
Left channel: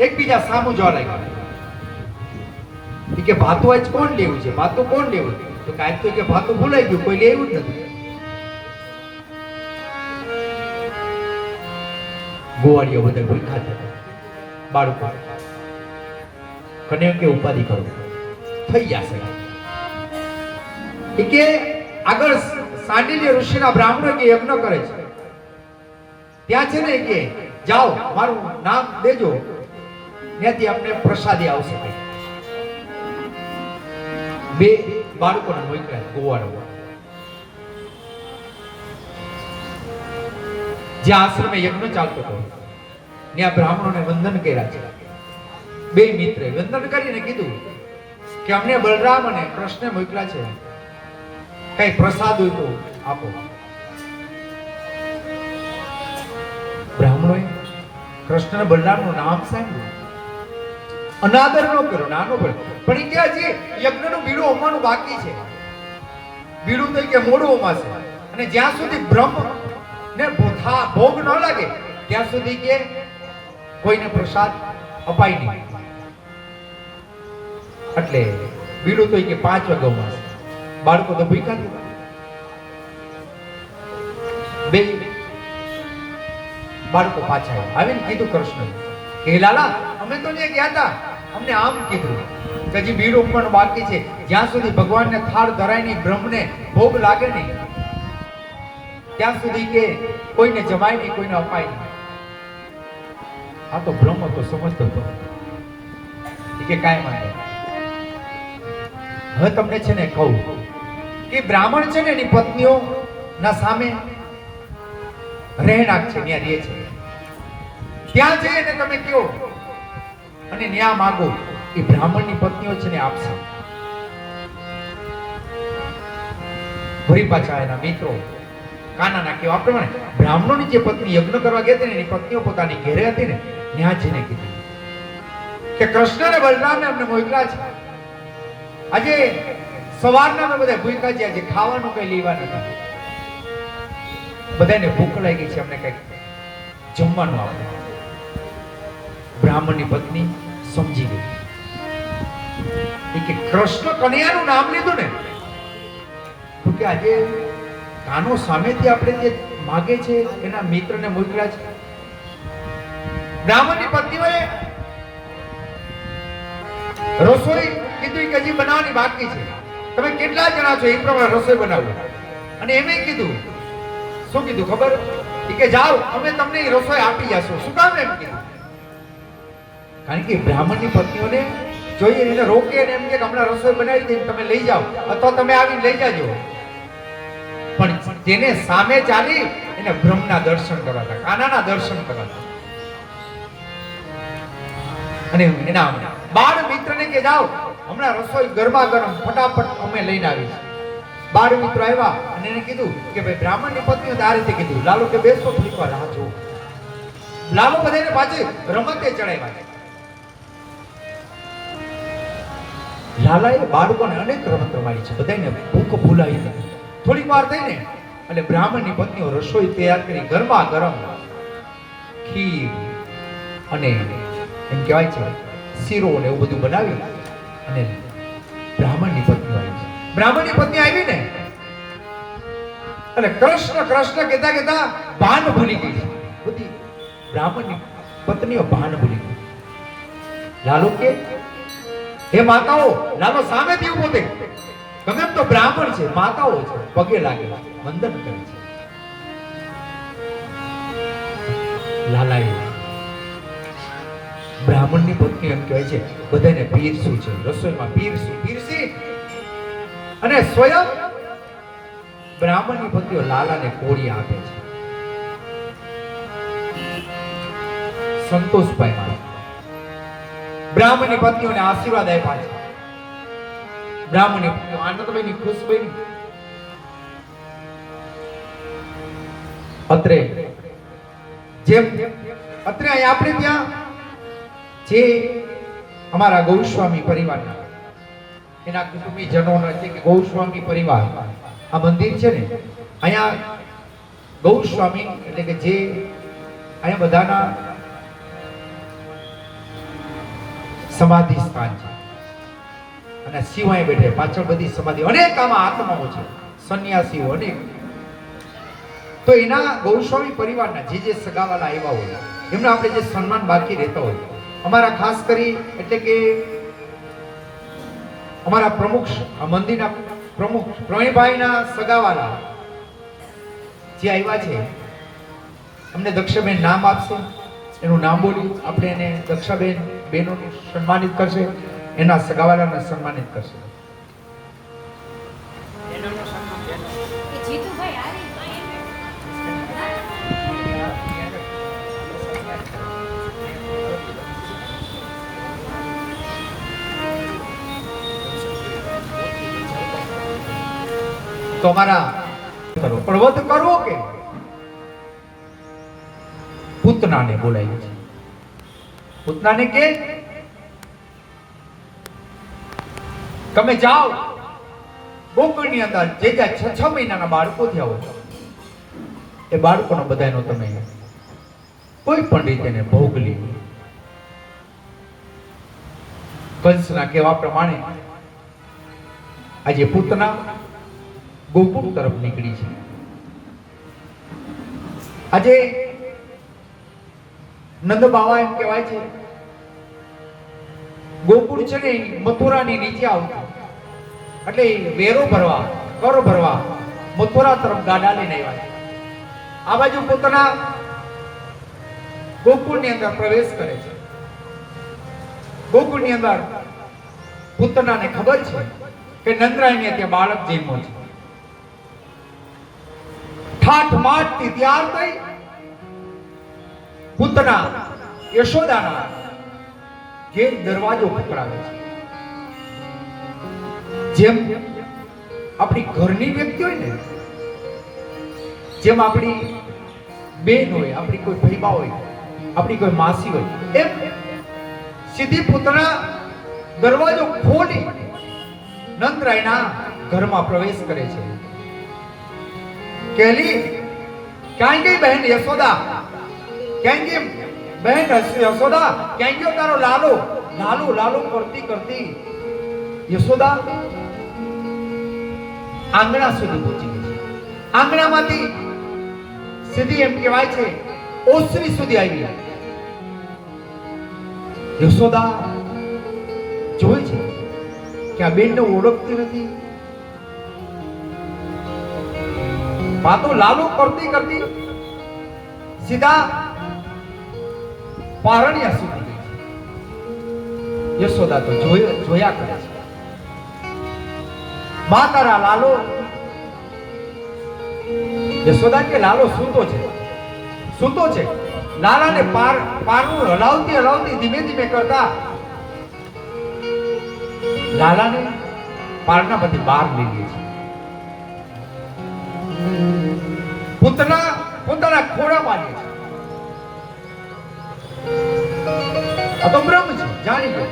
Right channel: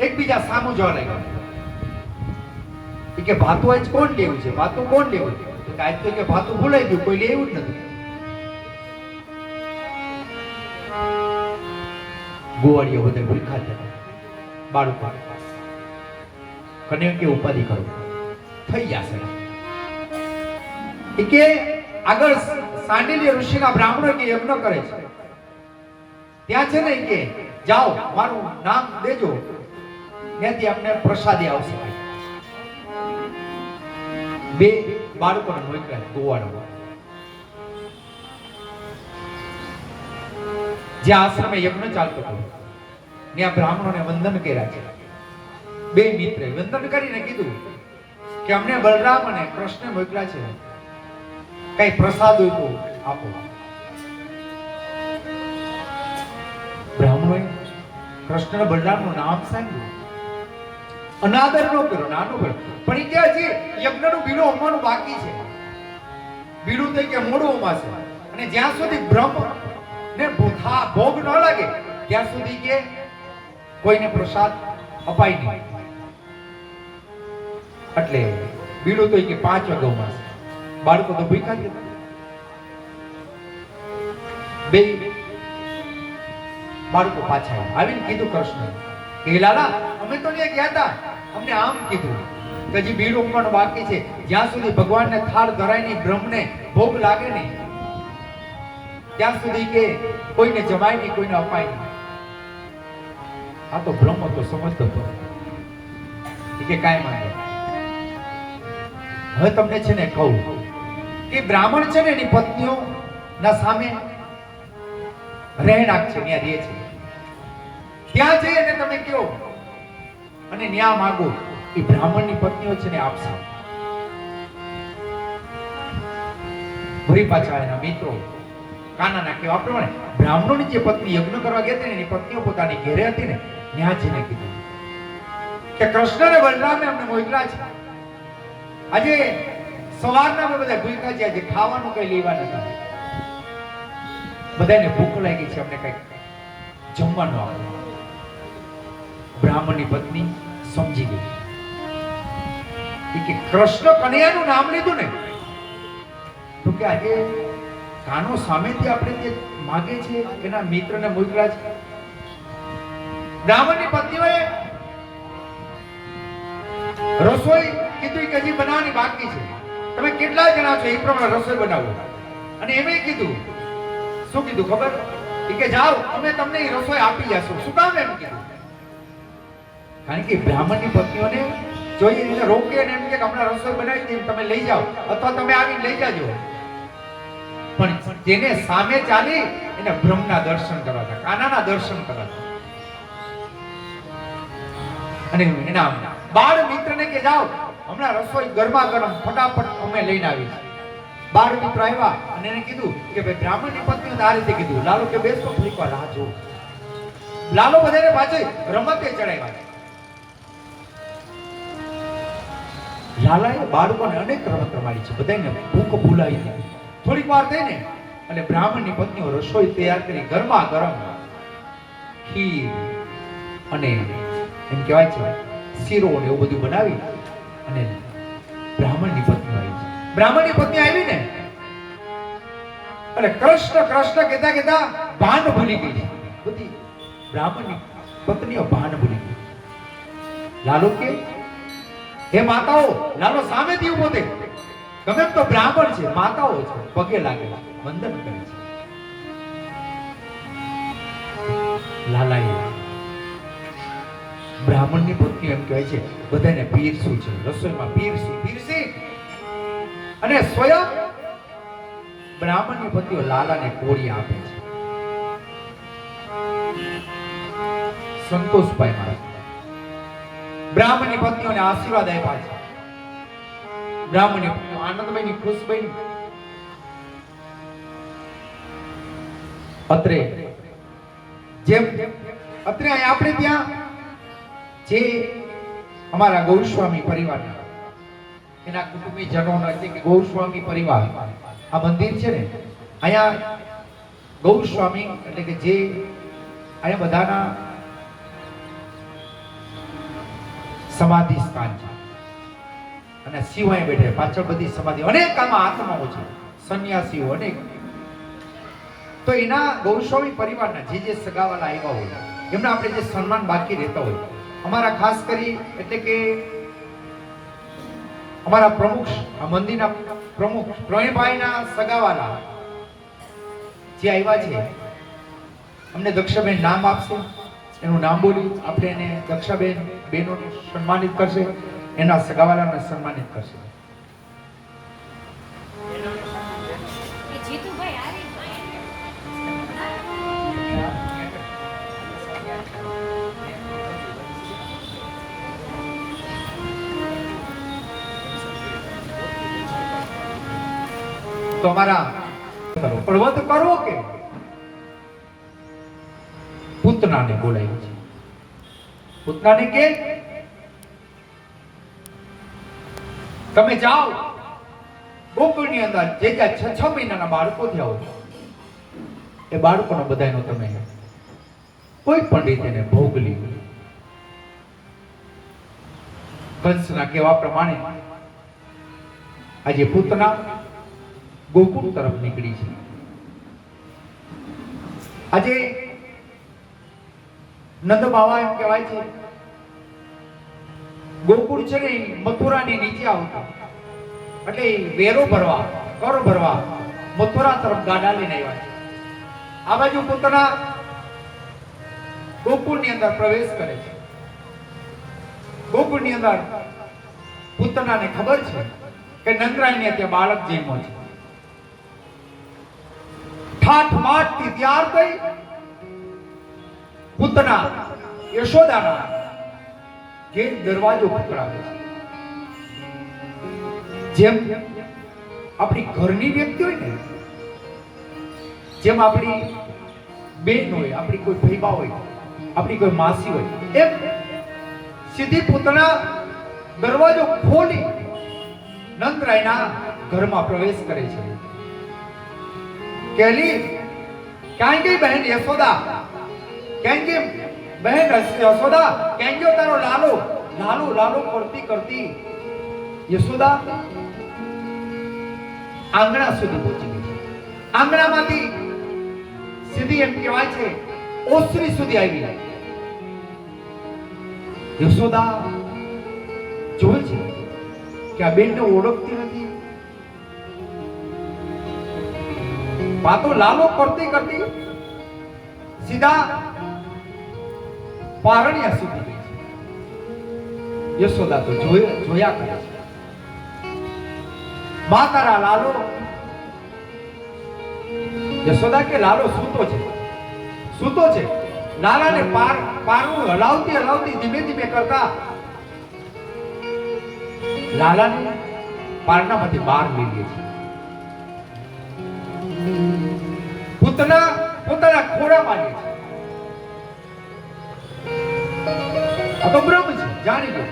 એકબીજા સામું જોવા લાગ્યા કે ભાતું આજ કોણ લેવું છે, ભાતું કોણ લેવું છે? તો કાંઈ તો કે ભાતું ભૂલાઈ ગયું, કોઈ લેવું જ નથી. ગોવાળીઓ બધા ભૂખા થયા. બાળકો કન્યા કે ઉપાધિ કરો થઈ જશે. એ કે આગળ સાંડિલ્ય ઋષિના બ્રાહ્મણો કે યજ્ઞ કરે છે, ત્યાં છે ને કે જાઓ મારું નામ દેજો, ત્યાંથી અમને પ્રસાદી આવશે. બે બાળકોને મોકલ્યા ગોવાળો, જે આશ્રમે યજ્ઞ ચાલતો હતો ત્યાં બ્રાહ્મણોને વંદન કર્યા છે. બે મિત્રે વંદન કરીને કીધું કે અમને બલરામ અને કૃષ્ણ મોકલ્યા છે, કઈ પ્રસાદ હોય તો આપો. બ્રાહ્મણોએ કૃષ્ણ અને બલરામનું નામ સાંભળ્યું, અનાદર ન કરો, નાનો પણ એ કે હજી યજ્ઞનું બીડું હોવાનું બાકી છે. બીડું તો કે મોડું હોમાશે, અને જ્યાં સુધી બ્રહ્મ ને ભોગ ન લાગે ત્યાં સુધી કે કોઈને પ્રસાદ અપાય નહીં. એટલે બીડું તો કે 5 વાગે હોમાશે. બાળકો તો ભૂખ્યા હતા. બે બાળકો પાછા આવીને કીધું કૃષ્ણ કે લાલા અમે તો ત્યાં ગયા હતા, અમને આમ કીધું કે હજી બીડું પણ બાકી છે, જ્યાં સુધી ભગવાનને થાળ ધરાય નહીં, બ્રહ્મને ભોગ લાગે નહીં ત્યાં સુધી કે કોઈને જમાય નહીં, કોઈને અપાય નહીં. આ તો બ્રહ્મ તો સમજતો હતો કે કાંઈ માંગે. હવે તમને છે ને કહું કે બ્રાહ્મણ છે ને એની પત્નીઓ ના સામે રહેણાંક છે, ત્યાં રહે છે, ત્યાં જઈને તમે કયો અને ન્યા માંગો, એ બ્રાહ્મણની પત્નીઓ છે ને આપશે. ફરી પાછા એના મિત્રો કાનાના કેવા પ્રમાણે બ્રાહ્મણોની જે પત્ની યજ્ઞ કરવા ગયા હતી ને એની પત્નીઓ પોતાની ઘેરે હતી ને ત્યાં જઈને કીધું કે કૃષ્ણ અને બલરામને અમને મોકલ્યા છે, આજે સવારના અમે બધા ભૂખ્યા છે, આજે ખાવાનું કઈ લેવા નથી, બધાને ભૂખ લાગી છે, અમને કઈ જમવાનું આપો. બ્રાહ્મણની પત્ની સમજી ગઈ કે કૃષ્ણ કન્યાનું નામ લીધું ને તો કે આજે કાનો સામેથી આપણે જે માગે છે એના મિત્રને મોકલ્યા છે. બ્રાહ્મણની પત્નીઓએ રસોઈ કીધું કે હજી બનાવવાની બાકી છે, તમે કેટલા જણા છો એ પ્રમાણે રસોઈ બનાવો. અને એમે કીધું શું કીધું ખબર કે જાઓ અમે તમને એ રસોઈ આપી જશું. શું કામ એમ કીધું? કારણ કે બ્રાહ્મણની પત્નીઓને જોઈએ એને રોકી અને એમ કે હમણાં રસોઈ બનાવી દે, તમે લઈ જાઓ અથવા તમે આવીને લઈ જાજો. પણ જેને સામે ચાલી એને બ્રહ્મના દર્શન કરાતા, કાનાના દર્શન કરાતા. અને એના બાળ મિત્રને કે જાઓ હમણાં રસોઈ ગરમા ગરમ ફટાફટ અમે લઈને આવી. બાળ મિત્ર આવ્યા અને એને કીધું કે ભાઈ બ્રાહ્મણની પત્નીઓ આ રીતે કીધું, લાલો કે બેસો થોડીક વાર રાહ જો. લાલો બધાને પાછળ રમતે ચડાવ્યા. લાલાએ બાળકોને અનેક રમત રમાડી છે, બધાને ભૂખ ભૂલાવી દીધી. થોડીક વાર થઈ ને એટલે બ્રાહ્મણની પત્નીઓ રસોઈ તૈયાર કરી ગરમા ગરમ ખીર અને એમ કહેવાય છે શીરો ને એવું બધું બનાવી અને બ્રાહ્મણની પત્નીઓ આવી છે. બ્રાહ્મણની પત્ની આવી ને એટલે કૃષ્ણ કૃષ્ણ કહેતા કહેતા ભાન ભૂલી ગઈ છે. બધી બ્રાહ્મણની પત્નીઓ ભાન ભૂલી ગઈ. લાલુ કે હે માતાઓ, લાલો સામેથી ઊભો થઈ, ગમે એમ તો બ્રાહ્મણ છે, માતાઓ છે, પગે લાગે વંદન કરે છે. લાલાએ બ્રાહ્મણની પત્ની એમ કહેવાય છે બધાને પીરસું છે, રસોઈમાં પીરસી અને સ્વયં બ્રાહ્મણની પત્નીઓ લાલાને કોળી આપે છે. સંતોષ પામ્યા. બ્રાહ્મણની પત્નીઓને આશીર્વાદ આપ્યા છે. બ્રાહ્મણની પત્નીઓ આનંદમયની ખુશ બની. અત્રે જેમ અત્રે આપણે ત્યાં જે અમારા ગૌસ્વામી પરિવારના એના કુટુંબીજનોના એટલે કે ગૌસ્વામી પરિવાર આ મંદિર છે ને અહીંયા ગૌસ્વામી એટલે કે જે અહીંયા બધાના સમાધિ સ્થાન છે અને શિવાય બેઠે પાછળ બધી સમાધિ અનેક આમાં આત્માઓ છે, સંન્યાસીઓ અનેક. તો એના ગૌસ્વામી પરિવારના જે સગાવાલા આવ્યા હોય એમને આપણે જે સન્માન બાકી રહેતા હોય, અમારા ખાસ કરી એટલે કે અમારા પ્રમુખ આ મંદિરના પ્રમુખ પ્રવીણભાઈના સગાવાલા જે આવ્યા છે અમને દક્ષાબેન નામ આપશે, એનું નામ બોલી આપણે એને દક્ષાબેન બેનોને સન્માનિત કરશે, એના સગાવાલાને સન્માનિત કરશે. તો અમારા પણ વધ કરવો કે પૂતનાને બોલાવી છે. પૂતનાને કે તમે જાઓ ગોકુળની અંદર જે 6 મહિનાના બાળકો થયા હોય એ બાળકોના બધાનો તમે કોઈ પણ રીતે એને ભોગ લીધો. કંસના કહેવા પ્રમાણે આજે પૂતના ગોકુળ તરફ નીકળી છે. આજે નંદ બાવા એમ કહેવાય છે ગોકુળ છે ને મથુરાની નીચે આવતું, એટલે વેરો ભરવા કરો ભરવા મથુરા તરફ ગાડા લઈને આવ્યા છે. આ બાજુ પોતાના ગોકુળની અંદર પ્રવેશ કરે છે. ગોકુળની અંદર પૂતનાને ખબર છે કે નંદરાયને ત્યાં બાળક જન્મો છે. ઠાઠ માઠથી તૈયાર થઈ પૂતના યશોદાનો જે દરવાજો ખખડાવે છે. જેમ આપણી ઘરની વ્યક્તિ હોય ને, જેમ આપણી બેન હોય, આપણી કોઈ ભાઈબા હોય, આપણી કોઈ માસી હોય, એમ સીધી પૂતના દરવાજો ખોલી નંદરાયના ઘરમાં પ્રવેશ કરે છે. कहली ક્યાં ગઈ બહેન યશોદા? ક્યાં ગઈ બહેન યશોદા? ક્યાં ગયો તારો લાલો? લાલો લાલો કરતી કરતી યશોદા આંગણા સુધી પહોંચી ગઈ. આંગણામાંથી સીધી એમ કહેવાય છે ઓસરી સુધી આવી. યશોદા જોઈ છે કે આ બેનને ઓળખતી નથી. વાતો લાલો કરતી કરતી સીધા પારણિયા સુધી ગઈ. યશોદા તો જોયા કરે છે. માં તારા લાલો. યશોદા કે લાલો સૂતો છે, સૂતો છે. લાલાને પારનું હલાવતી હલાવતી ધીમે ધીમે કરતા લાલાને પારણામાંથી બહાર લઈ ગઈ છે. પૂતના પોતાના ખોળામાં લે છે. આ તો બ્રહ્મ છે, જાણી લો.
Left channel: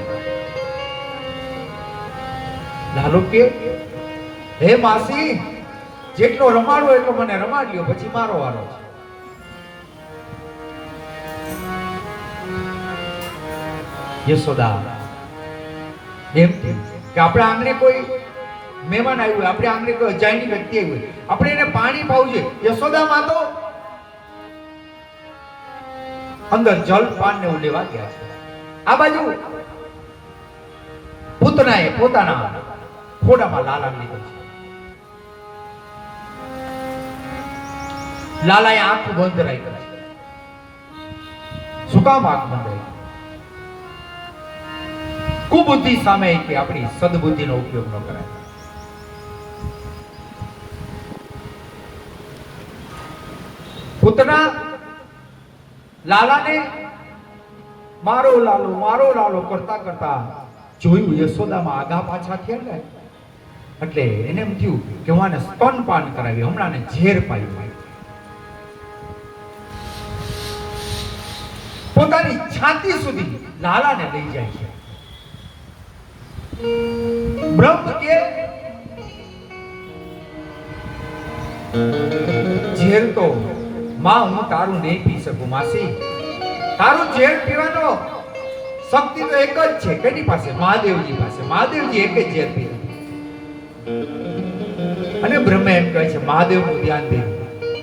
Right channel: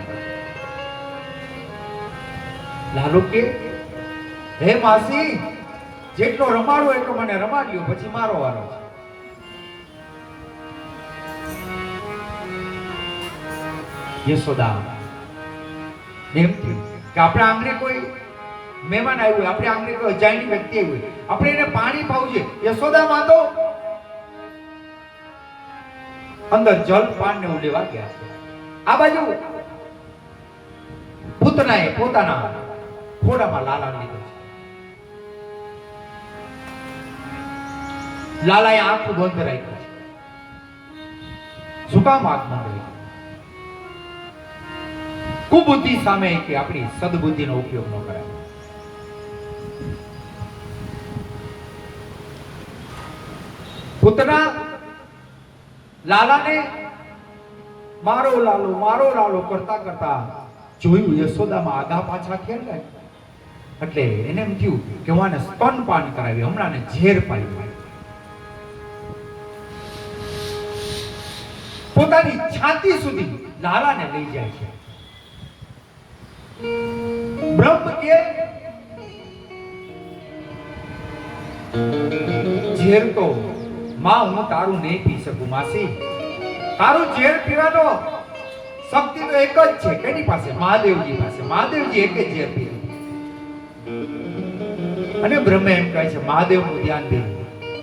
લાલુ કે હે માસી, જેટલો રમાડો એટલો મને રમાડ લ્યો, પછી મારો વારો છે. યશોદા એમ કે આપણે આંગણે કોઈ મહેમાન આવ્યું, આપણે આંગણે કોઈ અજાયણી વ્યક્તિ આવ્યું, આપણે એને પાણી પાવું છે. યશોદા માં તો અંદર જલ પાન ને લેવા ગયા છે. આ બાજુ પૂતનાએ પોતાના ખોડામાં લાલા લીધો છે. લાલાએ આંખ બંધ રાખી છે. શું કામ આંખ બંધ રાખી? કુબુદ્ધિ સામે કે આપણી સદબુદ્ધિનો ઉપયોગ ન કરાય. પૂતના લાલાને મારો લાલો કરતા કરતા જોયું યશોદામાં આગા પાછા થયા ને, એટલે એને એમ થયું કે હું આને સ્તનપાન કરાવી, હમણાં ઝેર પાયું. પોતાની છાતી સુધી લાલાને લઈ જાય છે. બ્રહ્મ કે ઝેર તો માં હું તારું નહીં પી શકું માસી. તારું ઝેર પીવાનો શક્તિ તો એક જ છે. કેની પાસે? મહાદેવજી પાસે. મહાદેવજી એક જ ઝેર પીવે. અને બ્રહ્મ એમ કહે છે મહાદેવનું ધ્યાન દે,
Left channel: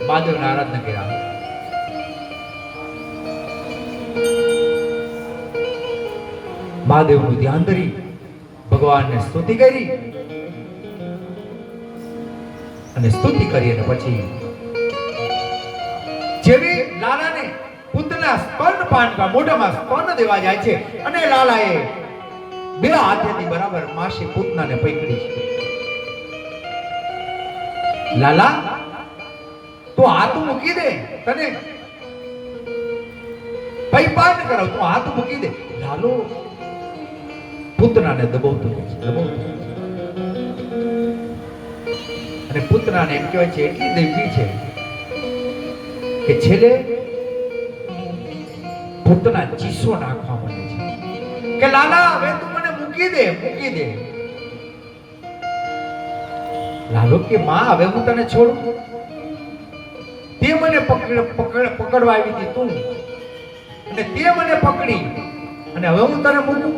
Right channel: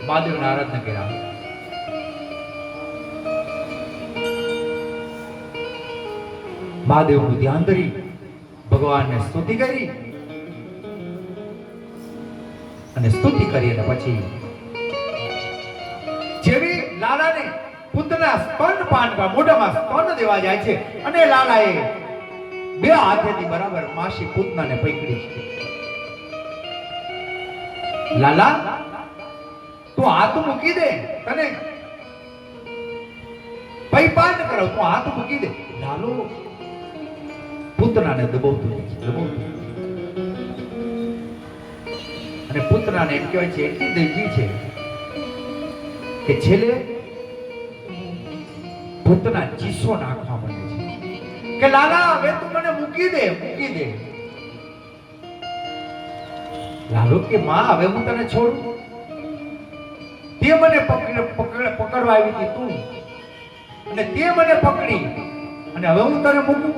મહાદેવની આરાધના કર્યા. મહાદેવનું ધ્યાન ધરી ભગવાનને સ્તુતિ કરી અને સ્તુતિ કરી અને પછી જેવી લાલાને પુત્રના સ્તનપાન પર મોઢામાં સ્તન દેવા જાય છે અને લાલાએ બે હાથેથી બરાબર માસી પૂતનાને પકડી છે. લાલા તું હાથ મૂકી દે, તને પૈપાન કરો, તું હાથ મૂકી દે. લાલો પુત્રને દબાવતું રહે છે, દબાવતું. અને પુત્રને એમ કહેવાય છે એટલી દેવી છે કે છેલ્લે પુત્રના ચીસો નાખવા માંડે છે કે લાલા હવે તું મને મૂકી દે, મૂકી દે. લાલો કે માં હવે હું તને છોડું? તે મને પકડવા આવી હતી તું, અને તે મને પકડી અને હવે હું તને મૂકું?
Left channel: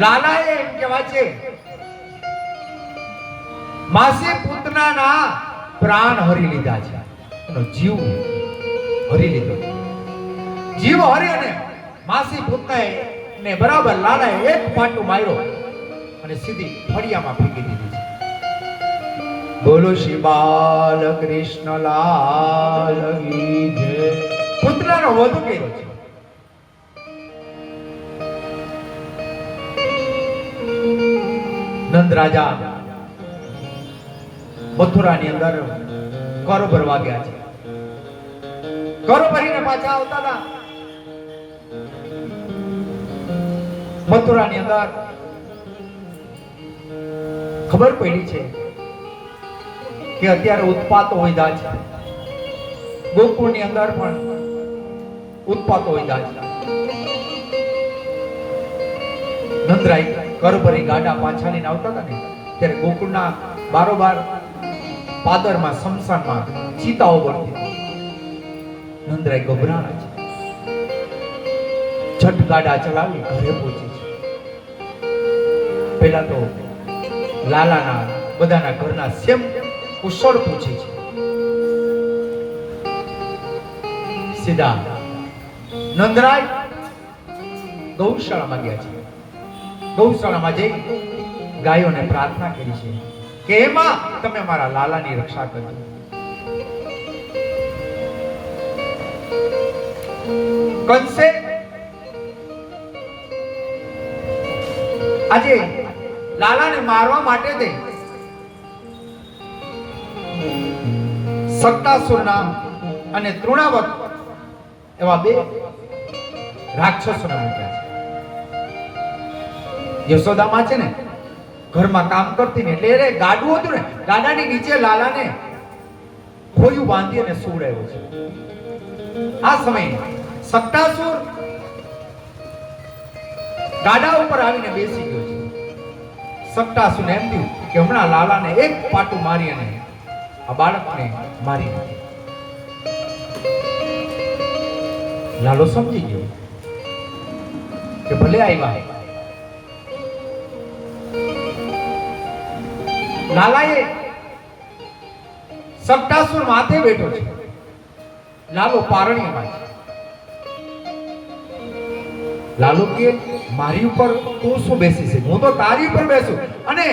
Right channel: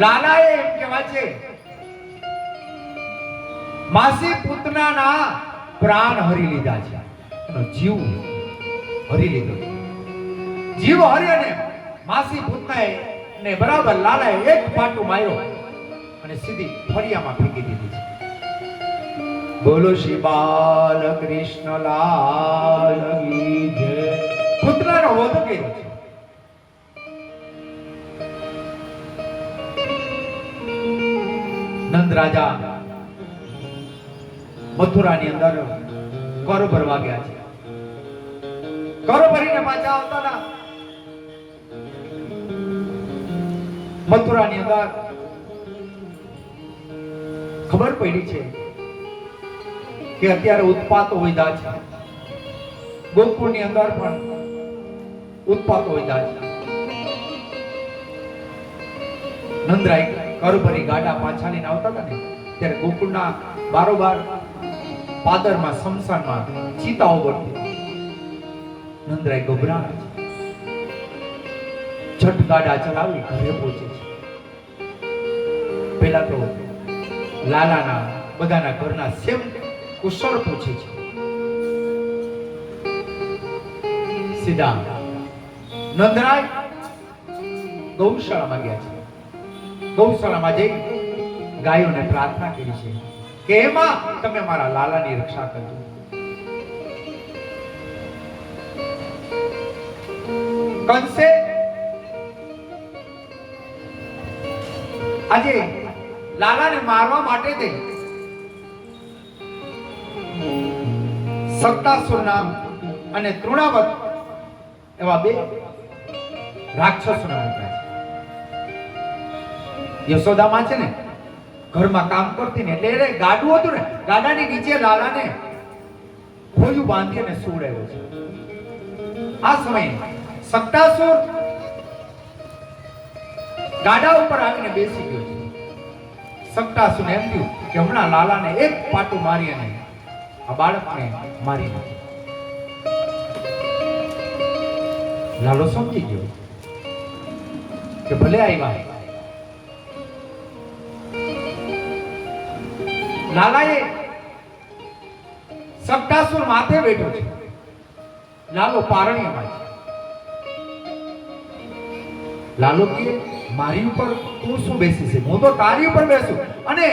લાલાએ એમ કહેવાય છે માસી પૂતનાના પ્રાણ હરી લીધા છે, એનો જીવ હરી લીધો. જીવ હરી અને માસી પૂતનાએ ને બરાબર લાલાએ એક પાટું માર્યો અને સીધી ફળિયામાં ફેંકી દીધી છે. બોલો શ્રી બાલકૃષ્ણ લાલ કી જય. પૂતનાનો વધ કર્યો છે. નંદ રાજા મથુરાની અંદર કરો ભરવા ગયા છે. કરો ભરીને પાછા આવતા હતા. મથુરાની અંદર ખબર પડી છે કે અત્યારે ઉત્પાતો વધ્યા છે. ગોકુળની અંદર પણ ઉત્પાતો વધ્યા છે. નંદરાય કરભરી ગાડા પાછા લઈને આવતા હતા ને ત્યારે ગોકુળના બારોબાર પાદરમાં સમસાનમાં ચિતાઓ બળતી. નંદરાય ગભરાય છે. છઠ ગાડા ચલાવી ઘરે પહોંચી છે. પહેલા તો લાલાના બધાના ઘરના સેમ કુશળ પૂછી છે. સીધા નંદરાય ગૌશાળામાં ગયા છે. ગૌશાળામાં જઈ ગાયોને પ્રાર્થના કરી છે કે એમાં તમે મારા લાલાની રક્ષા કરજો. કંસે આજે લાલાને મારવા માટે દે સક્કાસુર નામ અને તૃણાવત એવા બે રાક્ષસોને મોકલ્યા છે. યશોદામાં છે ને ઘરમાં કામ કરતી ને એટલે એને ગાડું હતું ને ગાડાની નીચે લાલાને ખોયું બાંધી અને સુવડાવ્યો છે. આ સમયે સક્કાસુર ગાડા ઉપર આવીને બેસી ગયો છે. સક્કાસુરને એમ થયું કે હમણાં લાલાને એક પાટું મારી અને આ બાળકને મારી નાખે. લાલો સમજી ગયો કે ભલે આવ્યા. લાલાએ સક્કાસુર માથે બેઠો છે. લાલો પારણીમાં છે. લાલો કે મારી ઉપર તું શું બેસી છે? હું તો તારી ઉપર બેસું. અને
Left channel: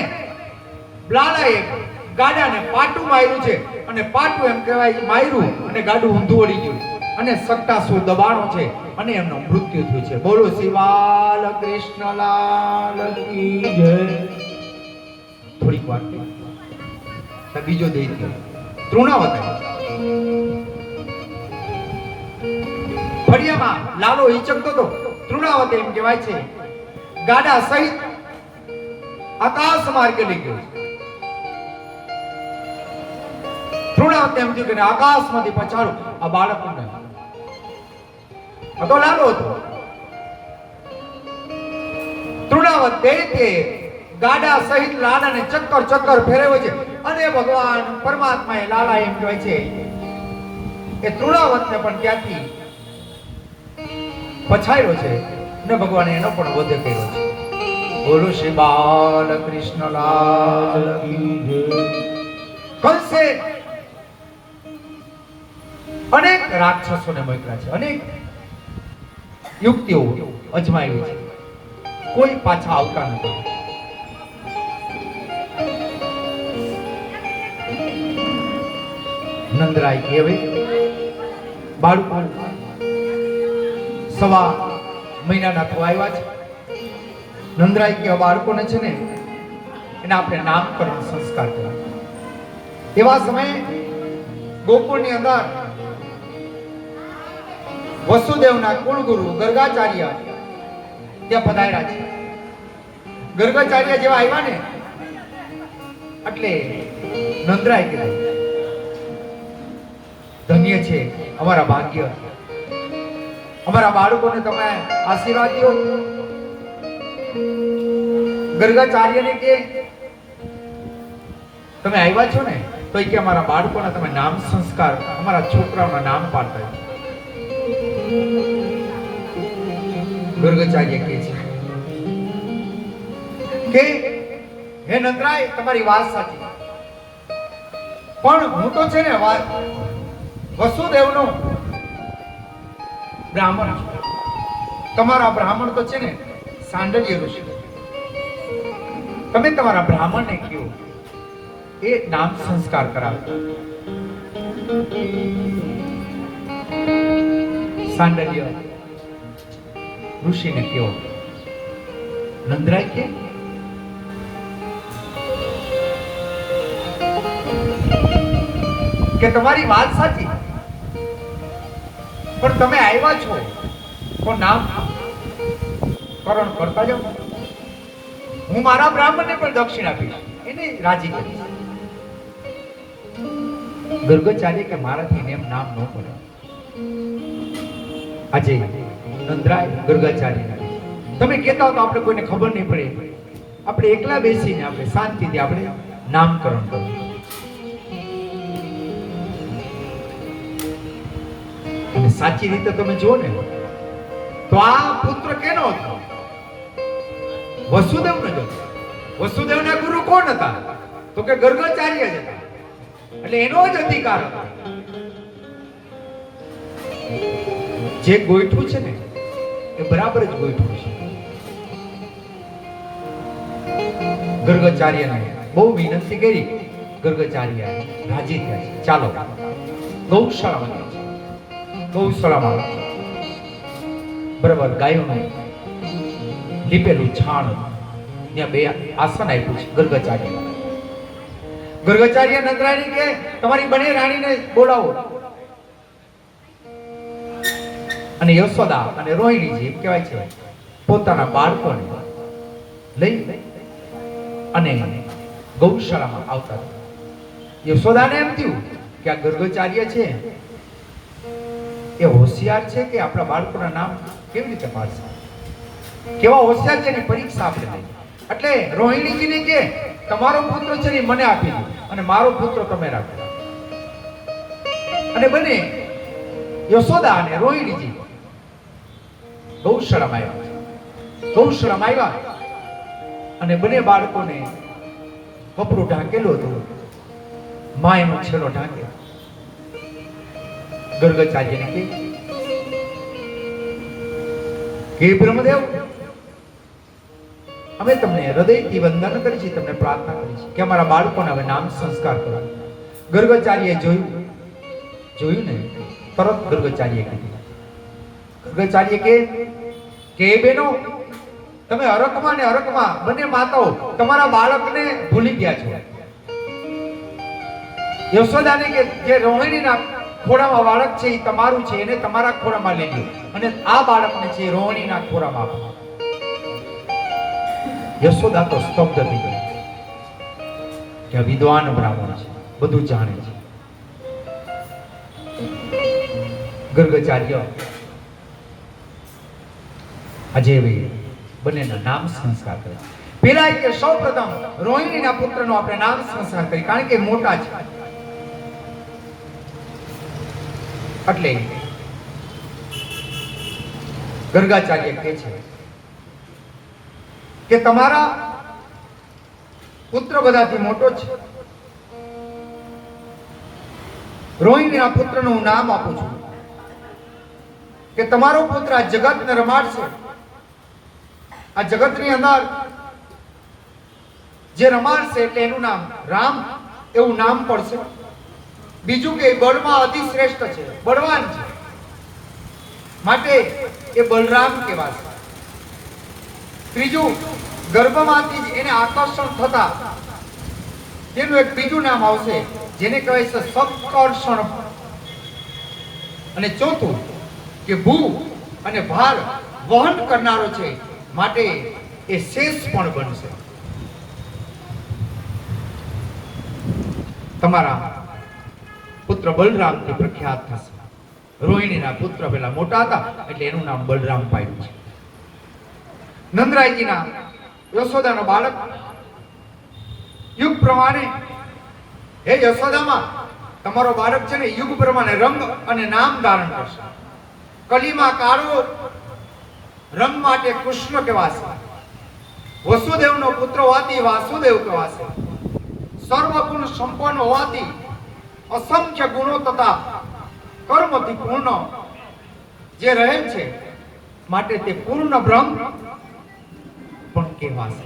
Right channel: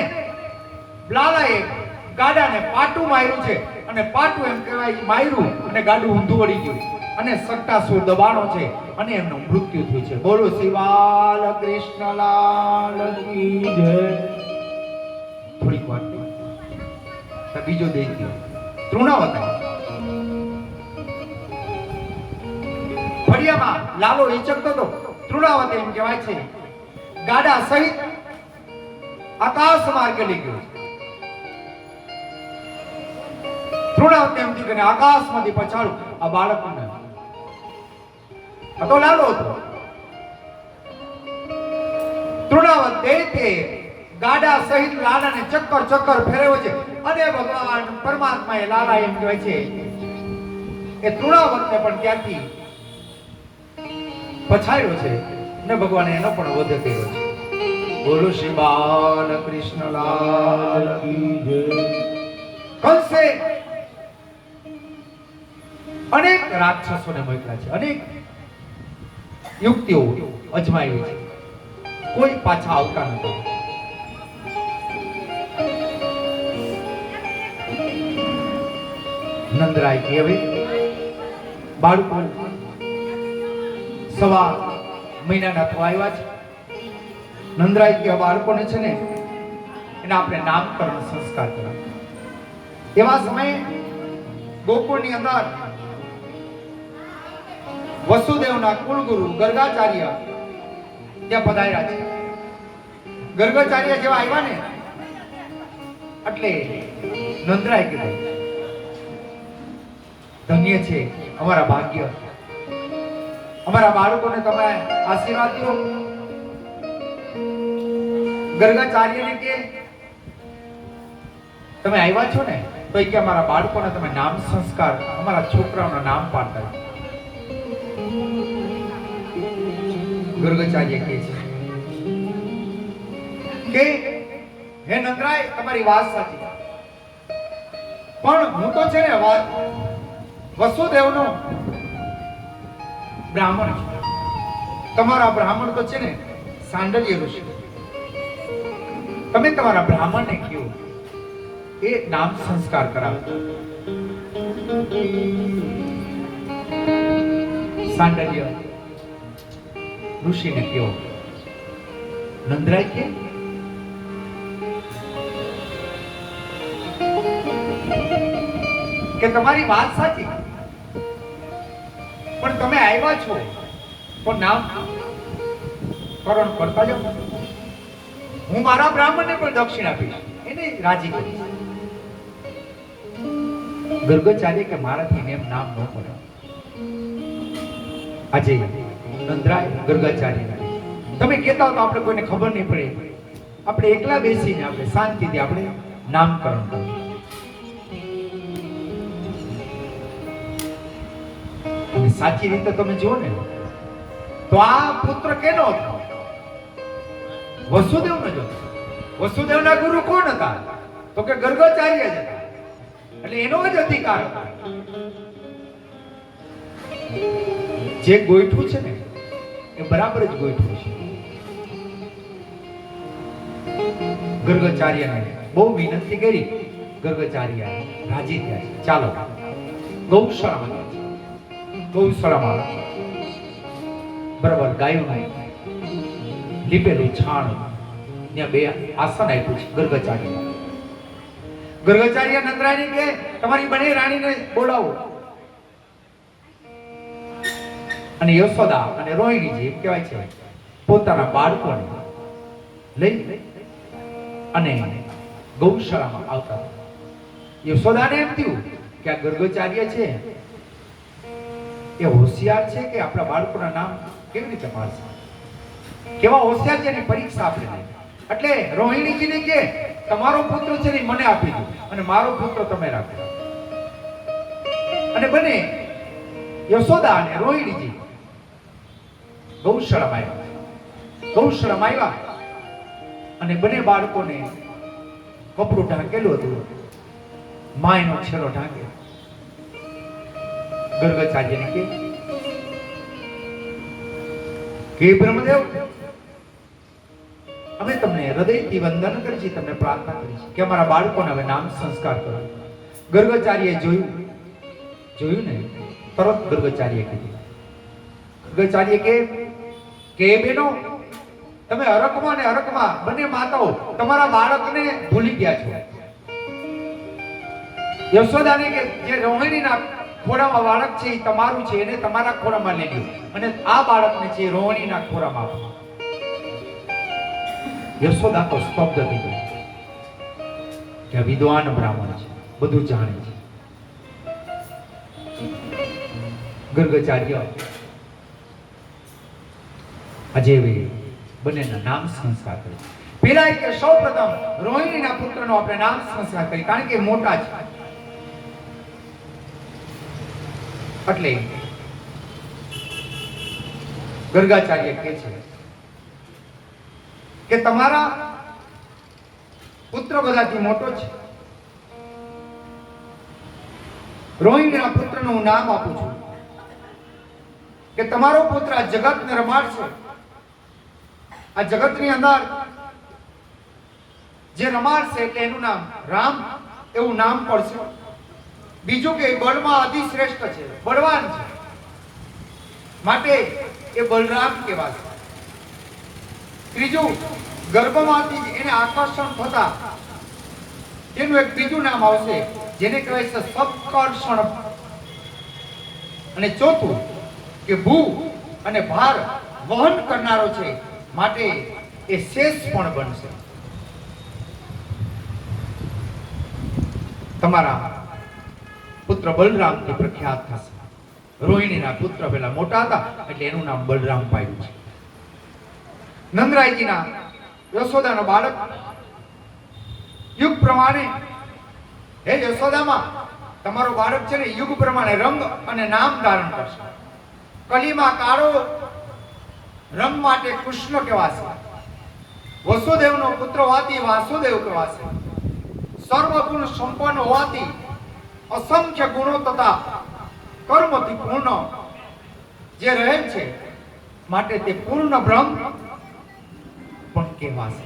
લાલાએ ગાડાને પાટું માર્યું છે અને પાટું એમ કહેવાય માર્યું અને ગાડું ઊંધું વળી ગયું અને સક્કાસુર દબાણો છે અને એમનું મૃત્યુ થયું છે. બોલો શ્રી બાલકૃષ્ણ લાલ કી જય. થોડીક વાર બીજો દૈત્ય તૃણાવત ફળિયામાં લાલો હિચકતો હતો. તૃણાવત એમ કહેવાય છે ગાડા સહિત આકાશ માર્ગે લઈ ગયો. તૃણાવત એમ થયું કે આકાશમાંથી પછાડું આ બાળકને. આ તો લાલો હતો. તૃણાવત દૈત્ય ગાડા સહિત લાલાને ચક્કર ચક્કર ફેરવે છે અને ભગવાન પરમાત્માએ લાલા એમ કહે છે કે તૃણાવતને પણ ત્યાંથી પછાડ્યો છે ને ભગવાને એનો પણ વધ કર્યો છે. બોલો શ્રી બાલકૃષ્ણ લાલ કી જય. કંસે અનેક રાક્ષસોને મોકલ્યા છે. અનેક યુક્તિઓ અજમાવી છે, કોઈ પાછા આવતા નથી. નંદરાય કે હવે બાળકો સવા મહિનાના થવા આવ્યા છે. નંદરાય કે આ બાળકોને છે ને એને આપણે નામકરણ સંસ્કાર કરવા. એવા સમયે ગોકુળની અંદર વસુદેવના કુલગુરુ ગર્ગાચાર્ય ત્યાં પધાર્યા છે. ગર્ગાચાર્ય જેવા આવ્યા ને એટલે નંદરાય કીધું, ધન્ય છે અમારા ભાગ્ય, અમારા બાળકોને તમે આશીર્વાદ દો. ગર્ગાચાર્યને કે તમે આવ્યા છો ને તો કે અમારા બાળકોને તમે નામ સંસ્કાર, અમારા છોકરાના નામ પાડતા. ગર્ગાચાર્ય કહે છે કે હે નંદરાય, તમારી વાત સાચી, પણ હું તો છે ને વસુદેવનો બ્રાહ્મણ છું. તમારા બ્રાહ્મણ તો છે ને સાંડલ્ય ઋષિ. તમે તમારા બ્રાહ્મણને કહો એ નામ સંસ્કાર કરાવો. સાંડલ્ય ઋષિને કહો. નંદરાય કે તમારી વાત સાચી, પણ તમે આવ્યા છો તો નામ કરણ કરતા જાઓ. હું મારા બ્રાહ્મણને પણ દક્ષિણ આપીશ, એને રાજી કરીશ. ગર્ગાચાર્ય કે મારાથી એમ નામ ન કરે. આજે નંદરાય ગર્ગાચાર્ય તમે કહેતા હો તો આપણે કોઈને ખબર નહીં પડે, આપણે એકલા બેસીને આપણે શાંતિથી આપણે નામકરણ કરવું. અને સાચી રીતે તમે જુઓ ને તો આ પુત્ર કેનો હતો? વસુદેવનો જ હતો. વસુદેવના ગુરુ કોણ હતા? તો કે ગર્ગાચાર્ય જ હતા. એટલે એનો જ અધિકાર હતો. જે ગોઠવું છે ને એ બરાબર જ ગોઠવું છે. ગર્ગાચાર્યને બહુ વિનંતી કરી, ગર્ગાચાર્ય રાજી થયા. ચાલો ગૌશાળામાં બરાબર ગાયોને લીપેલી છાણ ત્યાં બે આસન આપ્યું છે. ગર્ગાચાર્ય નંદરાયને કે તમારી બંને રાણીને બોલાવો. અને યશોદા અને રોહિણીજી કહેવાય છે પોતાના બાળકોને લઈ અને ગૌશાળામાં આવતા. યશોદાને એમ થયું કે આ ગર્ગાચાર્ય છે એ હોશિયાર છે કે આપણા બાળકોના નામ કેવી રીતે પાડશે, કેવા હોશિયાર છે એની પરીક્ષા આપણે લઈ. એટલે રોહિણીજીને કે તમારો પુત્ર છે ને મને આપી દો અને મારો પુત્ર તમે રાખો. અને બને યશોદા અને રોહિણીજી ગૌશાળામાં આવ્યા અને બંને બાળકોને કપડું ઢાંકેલું હતું, મા એનો છેડો ઢાંકે. ગર્ગાચાર્યને કે બ્રહ્મદેવ, અમે તમને હૃદયથી વંદન કરી છે, તમને પ્રાર્થના કરી છે કે અમારા બાળકોને હવે નામ સંસ્કાર કરો. ગર્ગાચાર્યએ જોયું ને તરત ગર્ગાચાર્યએ કીધું. ગર્ગાચાર્ય કે બેનો, તમે હરકમાં ને હરકમાં બંને માતાઓ તમારા બાળકને ભૂલી ગયા છો. યશોદાને કે જે રોહિણીના ખોળામાં બાળક છે એ તમારું છે, એને તમારા ખોળામાં લઈ લો અને આ બાળકને છે રોહિણીના ખોળામાં આપો. યશોદા તો સ્તબ્ધ થઈ ગઈ કે વિદ્વાન બ્રાહ્મણ છે, બધું જાણે છે. ગર્ગાચાર્ય આજે બંનેના નામ સંસ્કાર કરે. પેલા કે સૌપ્રથમ રોહિણીના પુત્રનો આપણે નામ સંસ્કાર કરી, કારણ કે મોટા છે. એટલે ગર્ગાચાર્ય કહે છે કે તમારા પુત્ર બધાથી મોટો છે. રોહિણીના પુત્રનું નામ આપું છું. કે તમારો પુત્ર આ જગતને રમાડશે, આ જગતની અંદર જે રમાડશે એટલે એનું નામ રામ એવું નામ પડશે. બીજું કે બળમાં અતિ શ્રેષ્ઠ છે, બળવાન છે, માટે એ બલરામ કહેવાશે. ત્રીજું, ગર્ભમાંથી જ એને આકર્ષણ થતા એનું એક બીજું નામ આવશે જેને કહેવાય છે સત્કર્ષણ. અને ચોથું કે ભૂ અને ભાર વહન કરનારો છે, માટે એ શેષ પણ બનશે. તમારા પુત્ર બલરામથી પ્રખ્યાત થશે. રોહિણીના પુત્ર પેલા મોટા હતા એટલે એનું નામ બલરામ પાડ્યું છે. નંદરાયજીના યશોદાનું બાળક યુગ પ્રમાણે, હે યશોદામાં તમારો બાળક છે ને યુગ પ્રમાણે રંગ અને નામ ધારણ કરશે. કલીમાં કાળો રંગ માટે કૃષ્ણ કહેવાશે. વસુદેવનો પુત્ર હોવાથી વાસુદેવ કહેવાશે. સર્વગુણ સંપન્ન હોવાથી અસંખ્ય ગુણો તથા કર્મથી પૂર્ણ જે રહે છે માટે તે પૂર્ણ બ્રહ્મ પણ કહેવાશે.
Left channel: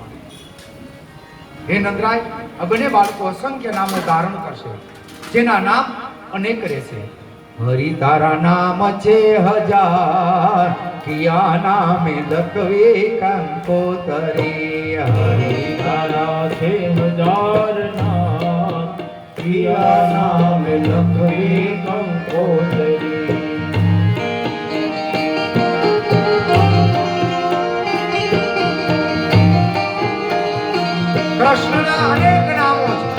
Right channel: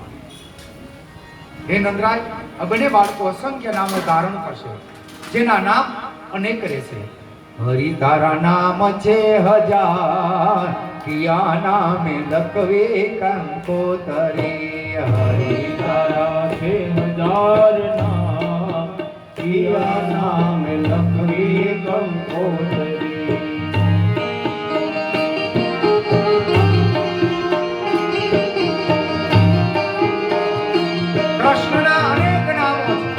હે નંદરાય, આ બંને બાળકો અસંખ્ય નામો ધારણ કરશે, જેના નામ અનેક રહેશે. હરિ તારા નામ છે હજાર, કિયા નામે લખવે કંકોતરે. હરિ તારા છે હજાર નામ, કિયા નામે લખવે કંકોતરે. કૃષ્ણના અનેક નામો છે,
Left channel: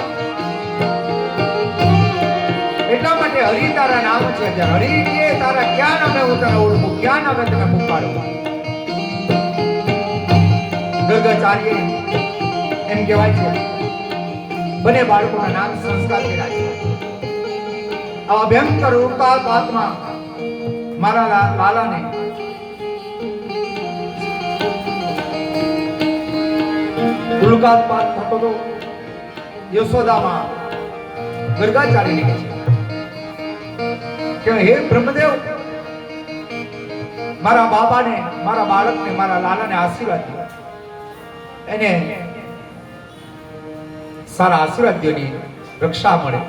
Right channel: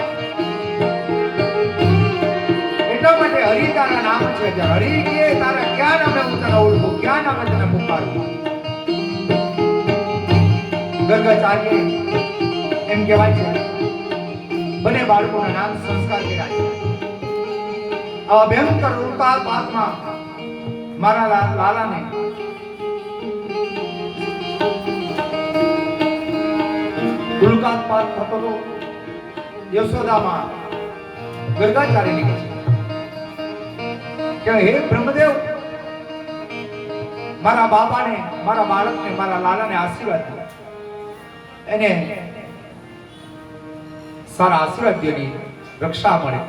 એટલા માટે હરિ તારા નામ છે. હરિ કે તારા ક્યાં નામે હું તને ઓળખું, ક્યાં નામે તને પુકારું. ગર્ગાચાર્ય એમ કહેવાય છે બંને બાળકોના નામ સંસ્કાર કર્યા છે. આ ભયંકર રૂપાપાતમાં મારા લાલાને ઉલ્કાપાત થતો હતો. યશોદામાં ગર્ગાચાર્ય લીધે છે કે હે બ્રહ્મદેવ, મારા બાબાને, મારા બાળકને, મારા લાલાને આશીર્વાદ દો. એને સારા આશીર્વાદ દેની રક્ષા મળે.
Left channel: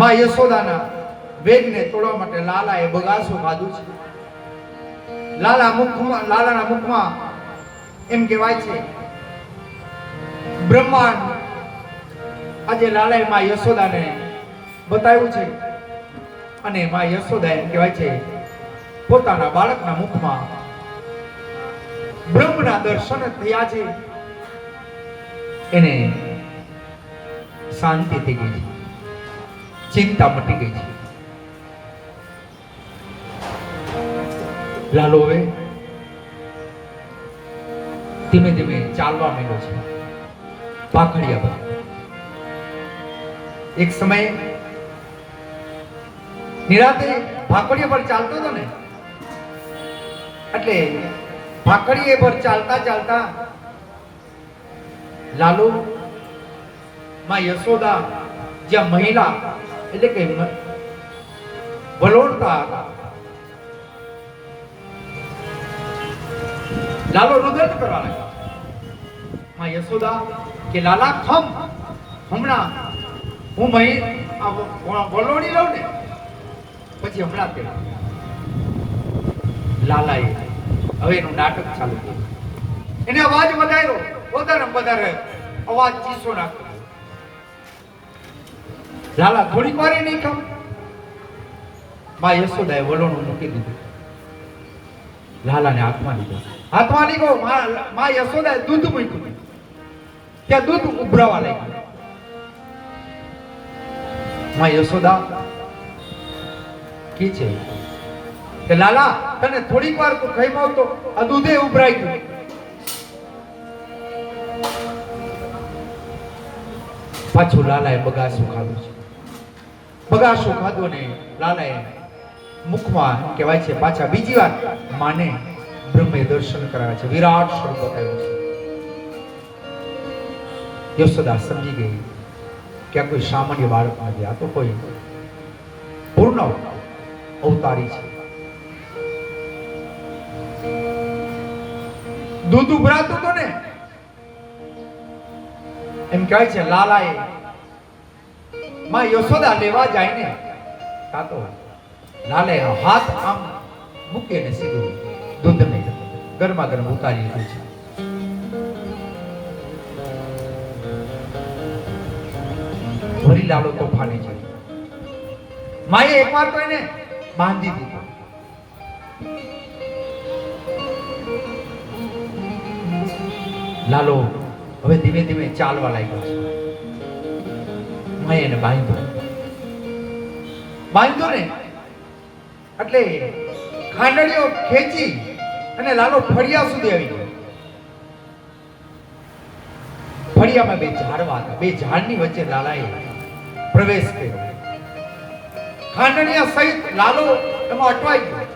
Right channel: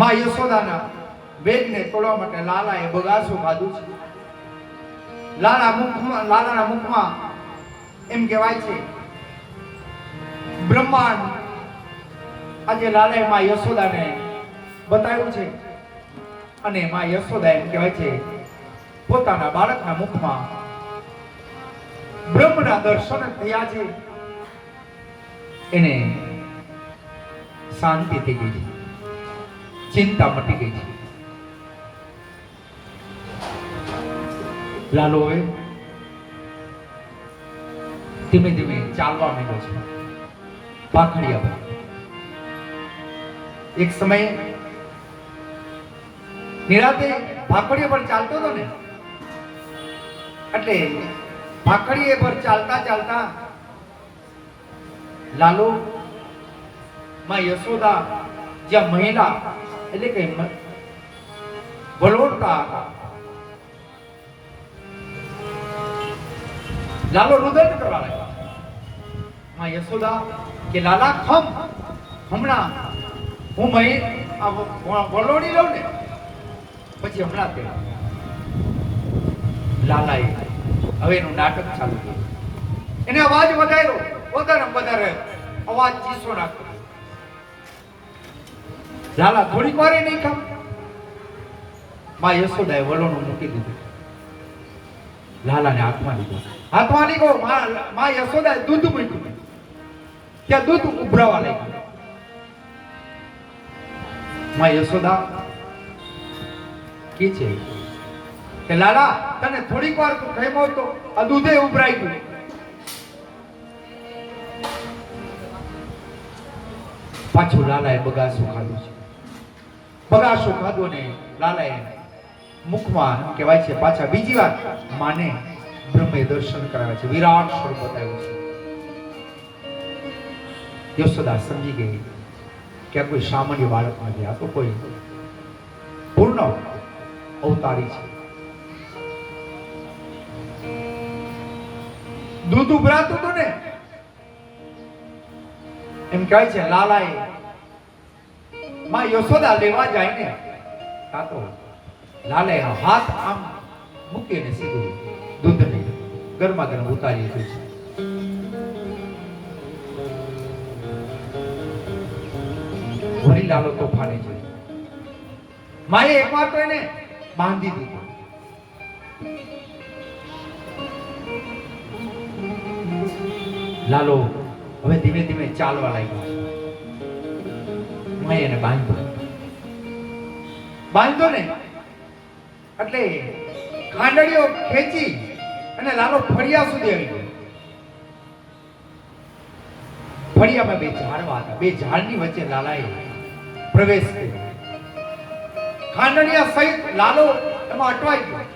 માં યશોદાના વેગને તોડવા માટે લાલાએ બગાસું ખાધું છે. લાલાના મુખમાં એમ કહેવાય છે બ્રહ્માંડ આજે લાલાએ માં યશોદાને બતાવ્યું છે. અને માં યશોદા એમ કહેવાય છે પોતાના બાળકના મુખમાં બ્રહ્મના દર્શન થયા છે. એને શાંતિ થઈ ગઈ છે, ચિંતા મટી ગઈ છે. લાલો હવે ધીમે ધીમે ચાલવા માંડ્યો છે પાખડિયા પર. એક સમયે નિરાતે ભાકડીએ પર ચાલતો હતો ને, એટલે ભાકડીએ પર ચાલતા ચાલતા લાલો માં યશોદા જ્યાં મહિલા એટલે કે વલોડતા હતા, લાલો રુદન કરવા લાગ્યો. માં યશોદા કે લાલા ખમ, હમણાં હું વલોડી લઉં ને પછી હમણાં તે. લાલાએ હવે એનું નાટક ચાલુ કર્યું. એને અવાજ વધાર્યો, વધારે અવાજ ચીસો નાખ્યો. લાલા થોડીક મારે નહીં ખાવ. માં યશોદાએ વલોણું મૂકી દીધું, લાલાને હાથમાં લીધો. હાથમાં લીધો, માં યશોદાએ દૂધ મૂક્યું. ત્યાં દૂધ ઉભરાવા લાગ્યું. માં યશોદા કે છે કે લાલા તને થોડીક વાર તો ખાઈ તો આ દૂધે ઉભરાઈ ગયું. પાછું લાલાએ બગાસું ખાધું છે. બગાસું ખાધું ને લાલાએ મુખમાં કહેવાય છે પાછા બીજી વાર માને બ્રહ્મે દર્શન કરાવે છે, વિરાટ સ્વરૂપ બતાવ્યું છે. યશોદા સમજી ગઈ કે આ કોઈ સામાન્ય બાળક નથી, આ તો કોઈ પૂર્ણ અવતારી છે. દૂધ ઉભરાતું હતું ને એમ કહે છે લાલાએ માં યશોદા લેવા જાય ને કાતો લાલે હાથ આમ મૂકીને સીધું દૂધને ગરમા ગરમ ઉતારી દીધું છે. વળી લાલો તોફાની છે. માએ એકવાર તો એને બાંધી દીધો. લાલો હવે ધીમે ધીમે ચાલવા લાગ્યો છે. મેં એને બાંધ્યો ને એટલે ખાંડણીઓ ખેંચી અને લાલો ફળિયા સુધી આવી ગયો. ફળિયામાં બે ઝાડવા હતા. બે ઝાડની વચ્ચે લાલાએ પ્રવેશ કર્યો. ખાંડણીયા સહિત લાલો એમાં અટવાઈ ગયો.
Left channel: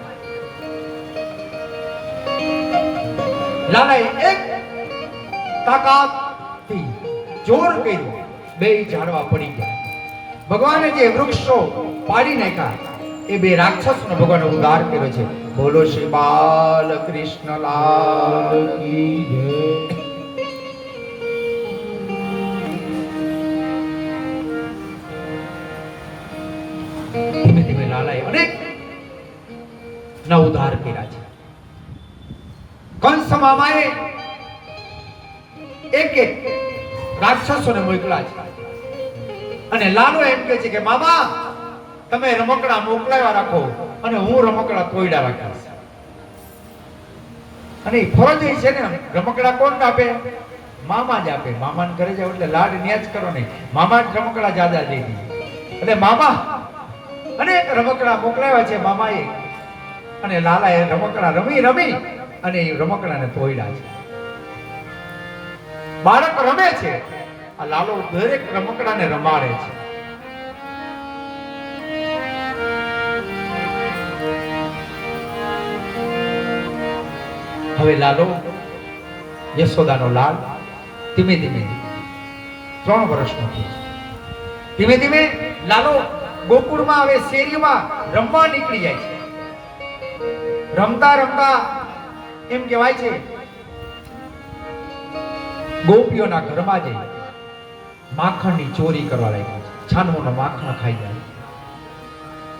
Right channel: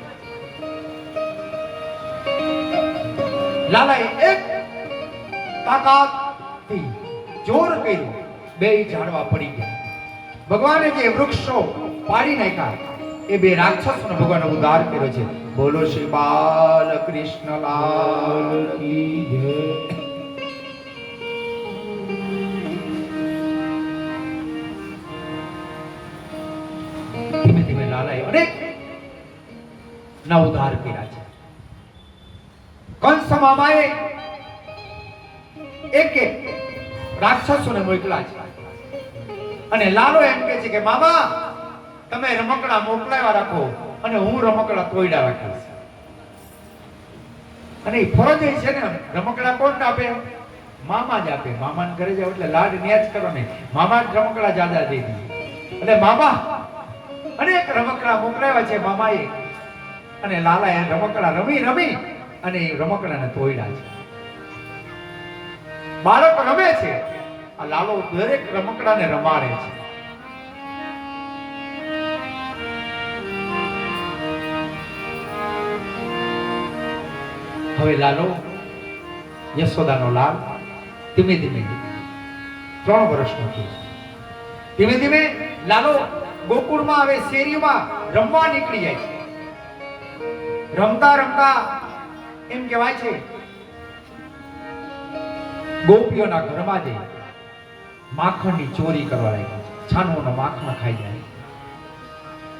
લાલાએ એક તાકાતથી જોર કર્યું. બે ઝાડવા પડી ગયા. ભગવાને જે વૃક્ષો પાડી નાખ્યા એ બે રાક્ષસોનો ભગવાનનો ઉદ્ધાર કર્યો છે. બોલો શ્રી બાલ કૃષ્ણલાલ કી જય. ધીમે ધીમે લાલાએ અનેક ના ઉદ્ધાર કર્યા છે. કંસ મામાએ એક એક રાક્ષસોને મોકલ્યા છે અને લાલો એમ કહે છે કે મામા તમે રમકડા મોકલાવ્યા રાખો અને હું રમકડા તોડ્યા રાખીશ. અને ફરજ છે ને રમકડા કોણ આપે? મામા જ આપે. મામાને ઘરે જાવ એટલે લાડ ન્યાજ કરો નહીં. મામા જ રમકડા જાદા દે દીધી. એટલે મામા અનેક રમકડા મોકલાવ્યા છે મામાએ અને લાલાએ રમકડા રમી અને એ રમકડાને તોડ્યા છે. બાળક રમે છે, આ લાલો દરેક રમકડાને રમાડે છે. હવે લાલો યશોદાનો લાલ ધીમે ધીમે 3 વર્ષનો થયો છે. ધીમે ધીમે લાલો ગોકુળમાં હવે શેરીમાં રમવા નીકળી જાય છે. રમતા રમતા એમ કહેવાય છે ગોપીઓના ઘરમાં જઈ માખણની ચોરી કરવા લાગી છે. છાનોના માખણ ખાઈ જાય.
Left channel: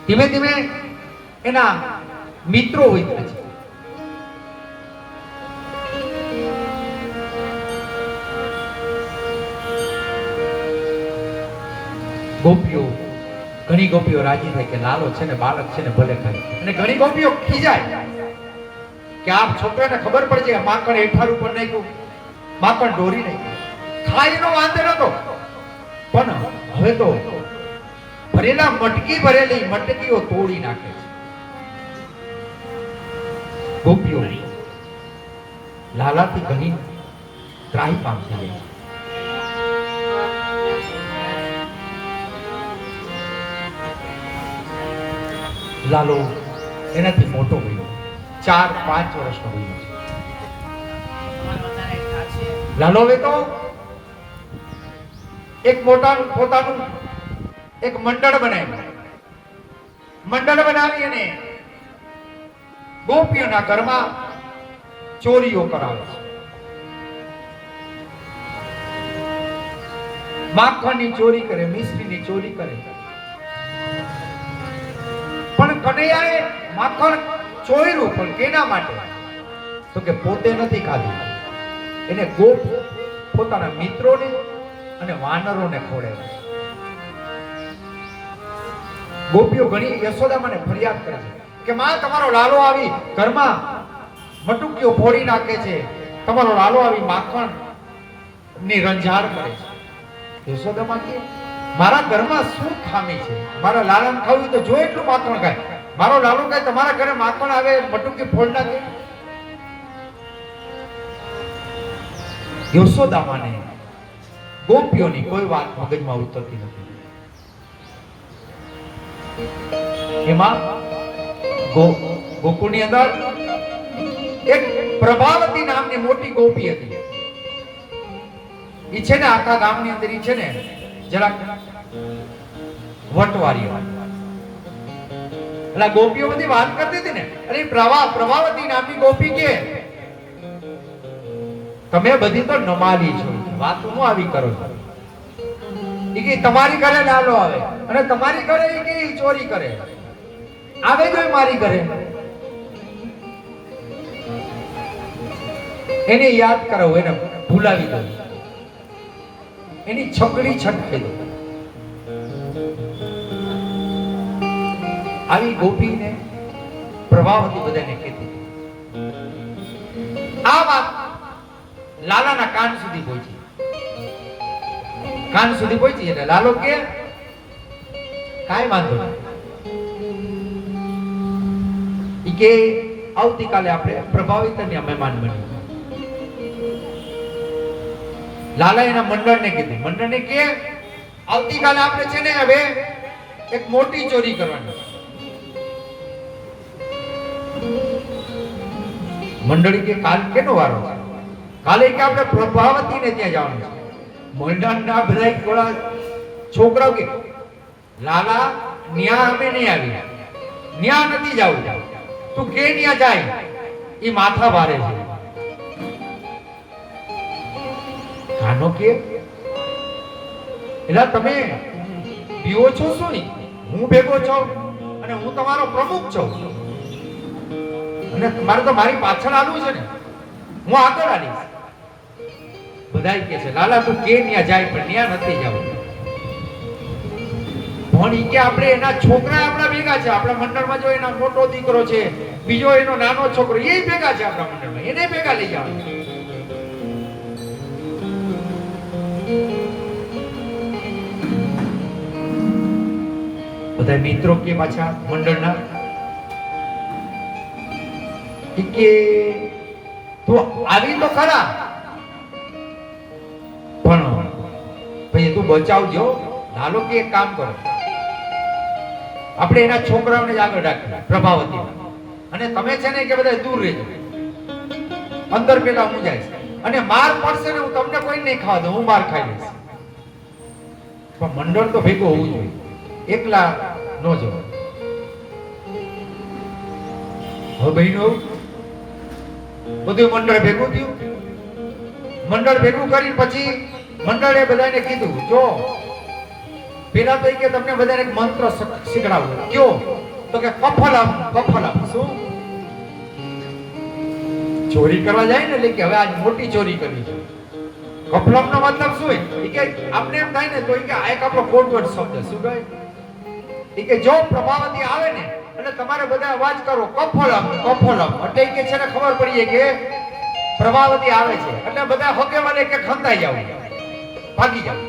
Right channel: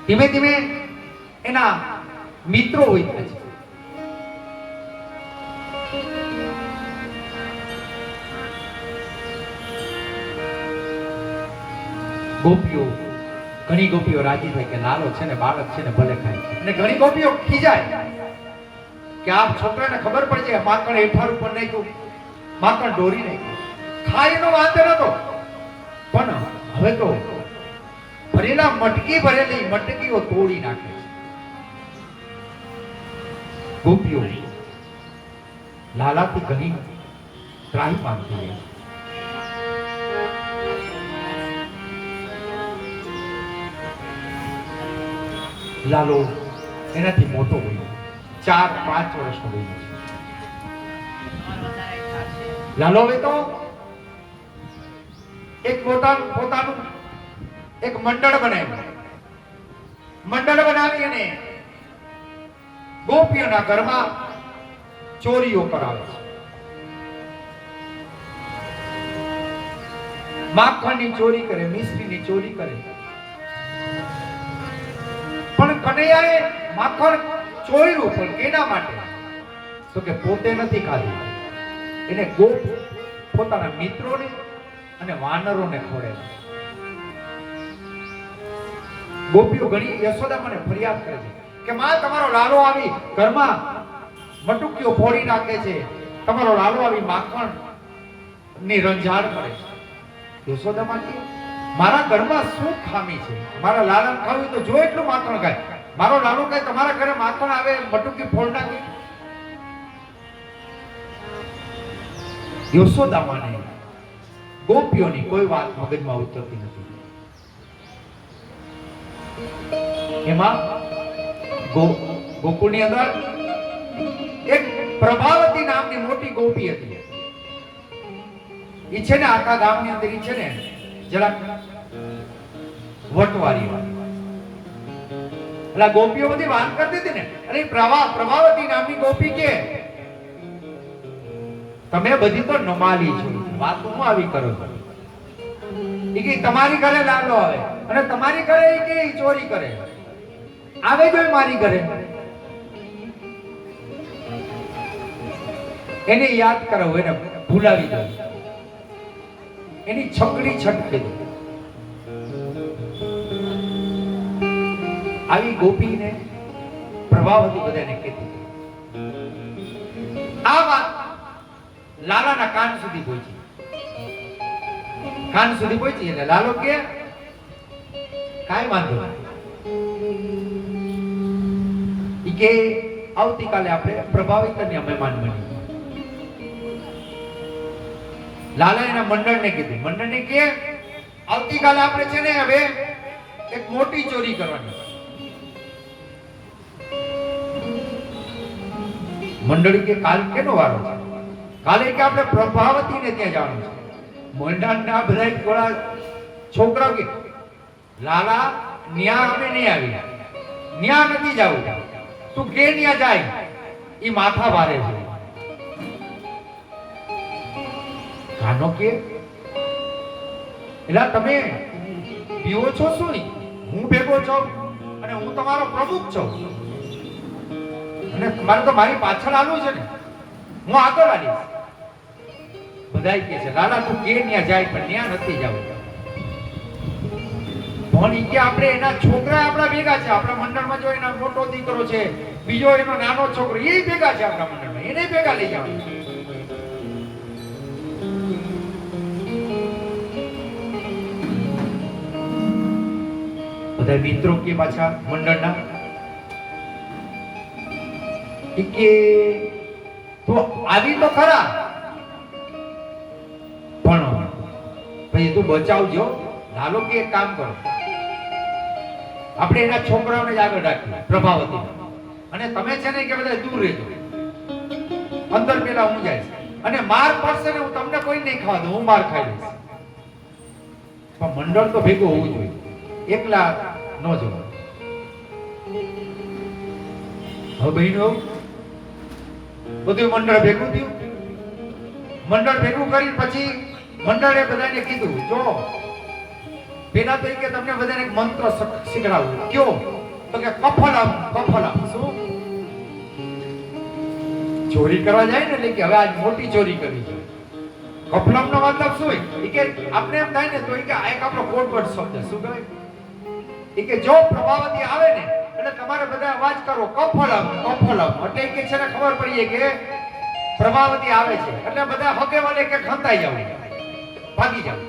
ધીમે ધીમે એના મિત્રો હોય છે. ઘણી ગોપીઓ રાજી થાય કે લાલો છે ને બાળક છે ને ભલે ખાય. અને ઘણી ગોપીઓ ખીજાય કે આ છોકરાને ખબર પડશે માખણ હેઠાર ઉપર નાખ્યું, માખણ ઢોરી નાખ્યું. ખાઈનો વાંધો નતો, પણ હવે તો ભરેલા ભરેલી મટકીઓ તોડી નાખે છે. ગોપીઓ લાલાથી ઘણી ત્રાહી પામતી જાય છે. લાલો એનાથી મોટો બન્યો, 4-5 વર્ષનો બન્યો છે. લાલો હવે તો એક પોતાનું એક મંડળ બનાવી અને ગોપીઓના ઘરમાં ચોરીઓ કરાવે છે. માખણની ચોરી કરે, મિશ્રીની ચોરી કરે. કનૈયાએ માખણ ચોર્યું, પણ કેના માટે? તો કે પોતે નથી ખાધું, એને ગોપ પોતાના મિત્રોને અને વાનરોને ખવડાવ્યું. ગોપીઓ ઘણી યશોદામાને ફરિયાદ કરે છે કે માં તમારો લાલો આવી ઘરમાં મટુકીઓ ફોડી નાખે છે, તમારો લાલો આવી માખણ ની રંજાડ કરે છે. યશોદામા કે મારા ઘરમાં શું ખામી છે? મારા લાલાને ખાવું તો જો એટલું માખણ ખાય. મારો લાલો કઈ તમારા ઘરે માખણ આવે મટુકી ફોડ નાખે? યશોદામાને ગોપીઓની કોઈ વાત મગજમાં ઉતરતી નથી. એમાં ગોકુળની અંદર એક પ્રભાવતી નામની મોટી ગોપી હતી. ઈ છે ને આખા ગામની અંદર ઈ છે ને જરાક વટવારી હોય. એટલે ગોપીઓ બધી વાત કરતી હતી ને, અરે પ્રભાવતી નામની ગોપી કે તમે બધી તો નમાલી છો, વાત હું આવી કરો છો. ઈ કે તમારી ઘરે લાલો આવે અને તમારી ઘરે ઈ કે ઈ ચોરી કરે આવે જો મારી ઘરે, એને યાદ કરાવો, એને ભૂલાવી દો, એની છકડી છટકી દો. આવી ગોપીને પ્રભાવતી બધાને કીધી. આ વાત લાલાના કાન સુધી પહોંચી. કાન સુધી પહોંચી એટલે લાલો કે કાઈ વાંધો નહીં, ઈ કે આવતીકાલે આપણે પ્રભાવિતને મહેમાન બની. લાલા એના મંડળને કીધું. મંડળને કે આવતીકાલે આપણે છે ને હવે એક મોટી ચોરી કરવાની. મંડળી કે કાલ કેનો વારો છે? કાલે કે આપણે પ્રભાવતીને ત્યાં જવાનું છે. મંડળના બધા થોડા છોકરાઓ કે લાલા ન્યા અમે નહીં આવી, ન્યા નથી જાવું, તું કે ન્યા જાય, ઈ માથા ભારે છે. કાનો કે એલા તમે પીવો છો શું? નહીં, હું ભેગો છું અને હું તમારો પ્રમુખ છું અને તમારે તો મારી પાછળ આવવું છે ને, હું આગળ આવીશ. બધાય કે છે લાલા તું કે ન્યા જાય, પણ ન્યા નથી જાવું. પણ ઈ કે આપણે એના છોકરા આપણા ભેગા છે, આપણા મંડળમાં જો એના મોટો દીકરો છે, બીજો એનો નાનો છોકરો, એ ભેગા છે આપણા મંડળમાં, એને ભેગા લઈ જાવ. બધા મિત્રો કે પાછા મંડળના કે તો આવી તો ખરા, પણ ભાઈ તું બચાવજો. લાલો કે એક કામ કરો, આપણે એના છોકરાઓને જ આગળ રાખીએ પ્રભાવતી, અને તમે છે ને કે બધા દૂર રહેજો, અંદર પેલા હું જાય અને માર પડશે ને હું તમને કોઈ નહીં ખાવા દઉં, હું માર ખાઈ લઈશ. પણ મંડળ તો ભેગું હોવું જોઈએ, એકલા નો જો. હવે બહેનો બધું મંડળ ભેગું થયું. મંડળ ભેગું કરી પછી મંડળે બધાને કીધું જો પેલા તો કે તમને બધાને એક મંત્ર શીખડાવું. કયો? તો કે કફલમ કફલમ. શું? ચોરી કરવા જાય ને એટલે કે હવે આજ મોટી ચોરી કરવી છે. કફલમ નો મતલબ શું હોય? કે આપણે એમ થાય ને તો કે આ એક આપણો કોડવર્ડ શબ્દ. શું કહે? કે જો પ્રભાવતી આવે ને એટલે તમારે બધા અવાજ કરો કફલમ કફલમ, એટલે કે છે ને ખબર પડીએ કે પ્રભાવતી આવે છે, એટલે બધા હકે મને કે ખંતાઈ જાવ, ભાગી જાવ.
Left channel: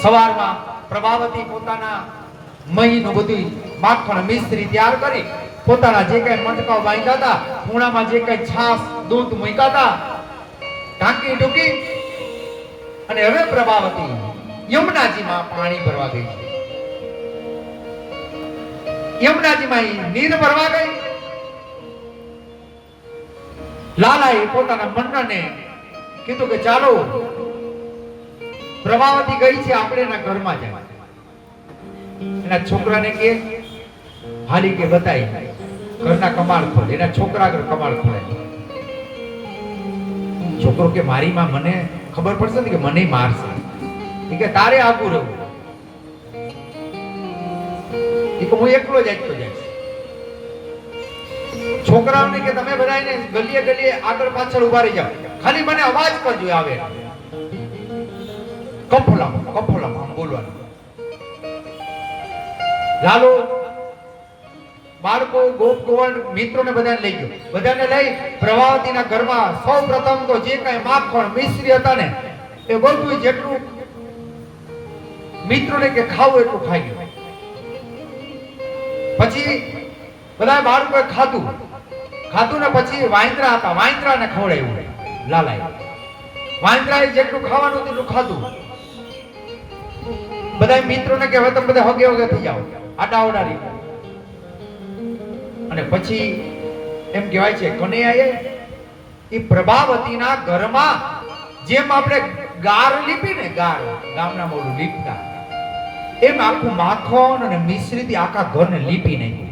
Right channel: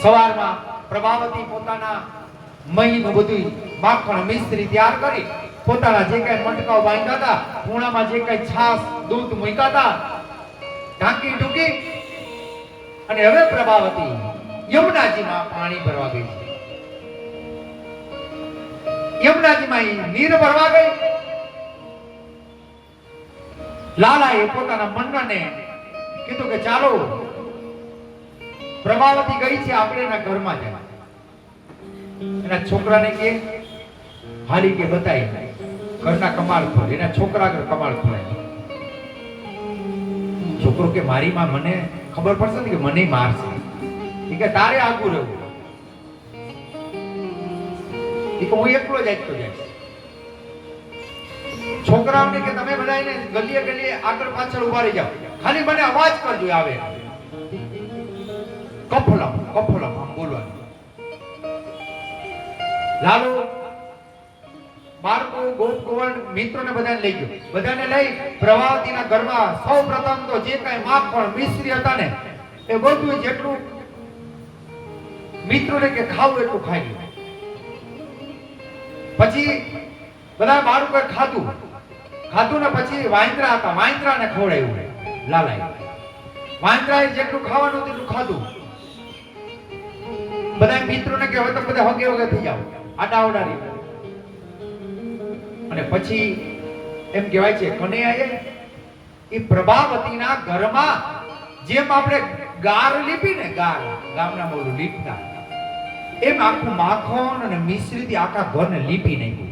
સવારમાં પ્રભાવતી પોતાના મહીનું બધું માખણ મિશ્રી તૈયાર કરી પોતાના જે કઈ મટકાઓ બાંધ્યા હતા, ખૂણામાં જે કઈ છાસ દૂધ મૂક્યા હતા, ઢાંકી ઢૂકી અને હવે પ્રભાવતી યમુનાજીમાં પાણી ભરવા ગઈ છે. યમુનાજીમાં નીર ભરવા ગઈ. લાલાએ પોતાના મંડળને કીધું કે ચાલો પ્રભાવતી ગઈ છે, આપણે એના ઘરમાં જાય. એના છોકરાને કે હાલી કે બતાઈ ઘરના કમાળ ખોલે. એના છોકરા આગળ કમાળ ખોલે. છોકરો કે મારી માં મને ખબર પડશે ને કે મને મારશે, કે તારે આગું રહેવું, કે હું એકલો જ જઈશ. છોકરાઓને કે તમે બધા એને ગલીએ ગલીએ આગળ પાછળ ઉભા રહી જાઓ, ખાલી મને અવાજ કરજો આવે કફલમ કફલમ બોલવાનું. લાલો બાળકો ગોપ ગોવર્ણ મિત્રોને બધાને લઈ ગયો. બધાને લઈ પ્રભાવતીના ઘરમાં સૌ પ્રથમ તો જે કઈ માખણ મિશ્રી હતા ને એ બધું જેટલું મિત્રોને કે ખાવું એટલું ખાઈ ગયું. પછી બધા બાળકોએ ખાધું ને પછી વાંદરા હતા, વાંદરાને ખવડાવ્યું લાલાએ. વાંદરાએ જેટલું ખાવાનું હતું એટલું ખાધું. બધા મિત્રોને કે હવે તમે બધા હગે હગે થઈ જાઓ, આડાવડા રહી. અને પછી એમ કહેવાય છે કનૈયાએ એ પ્રભાવતીના ઘરમાં જેમ આપણે ગાર લીપી ને, ગાર ગામના મોડું લીપતા એમ આખું માખણ અને મિશ્રીથી આખા ઘરને લીપી નાખ્યું.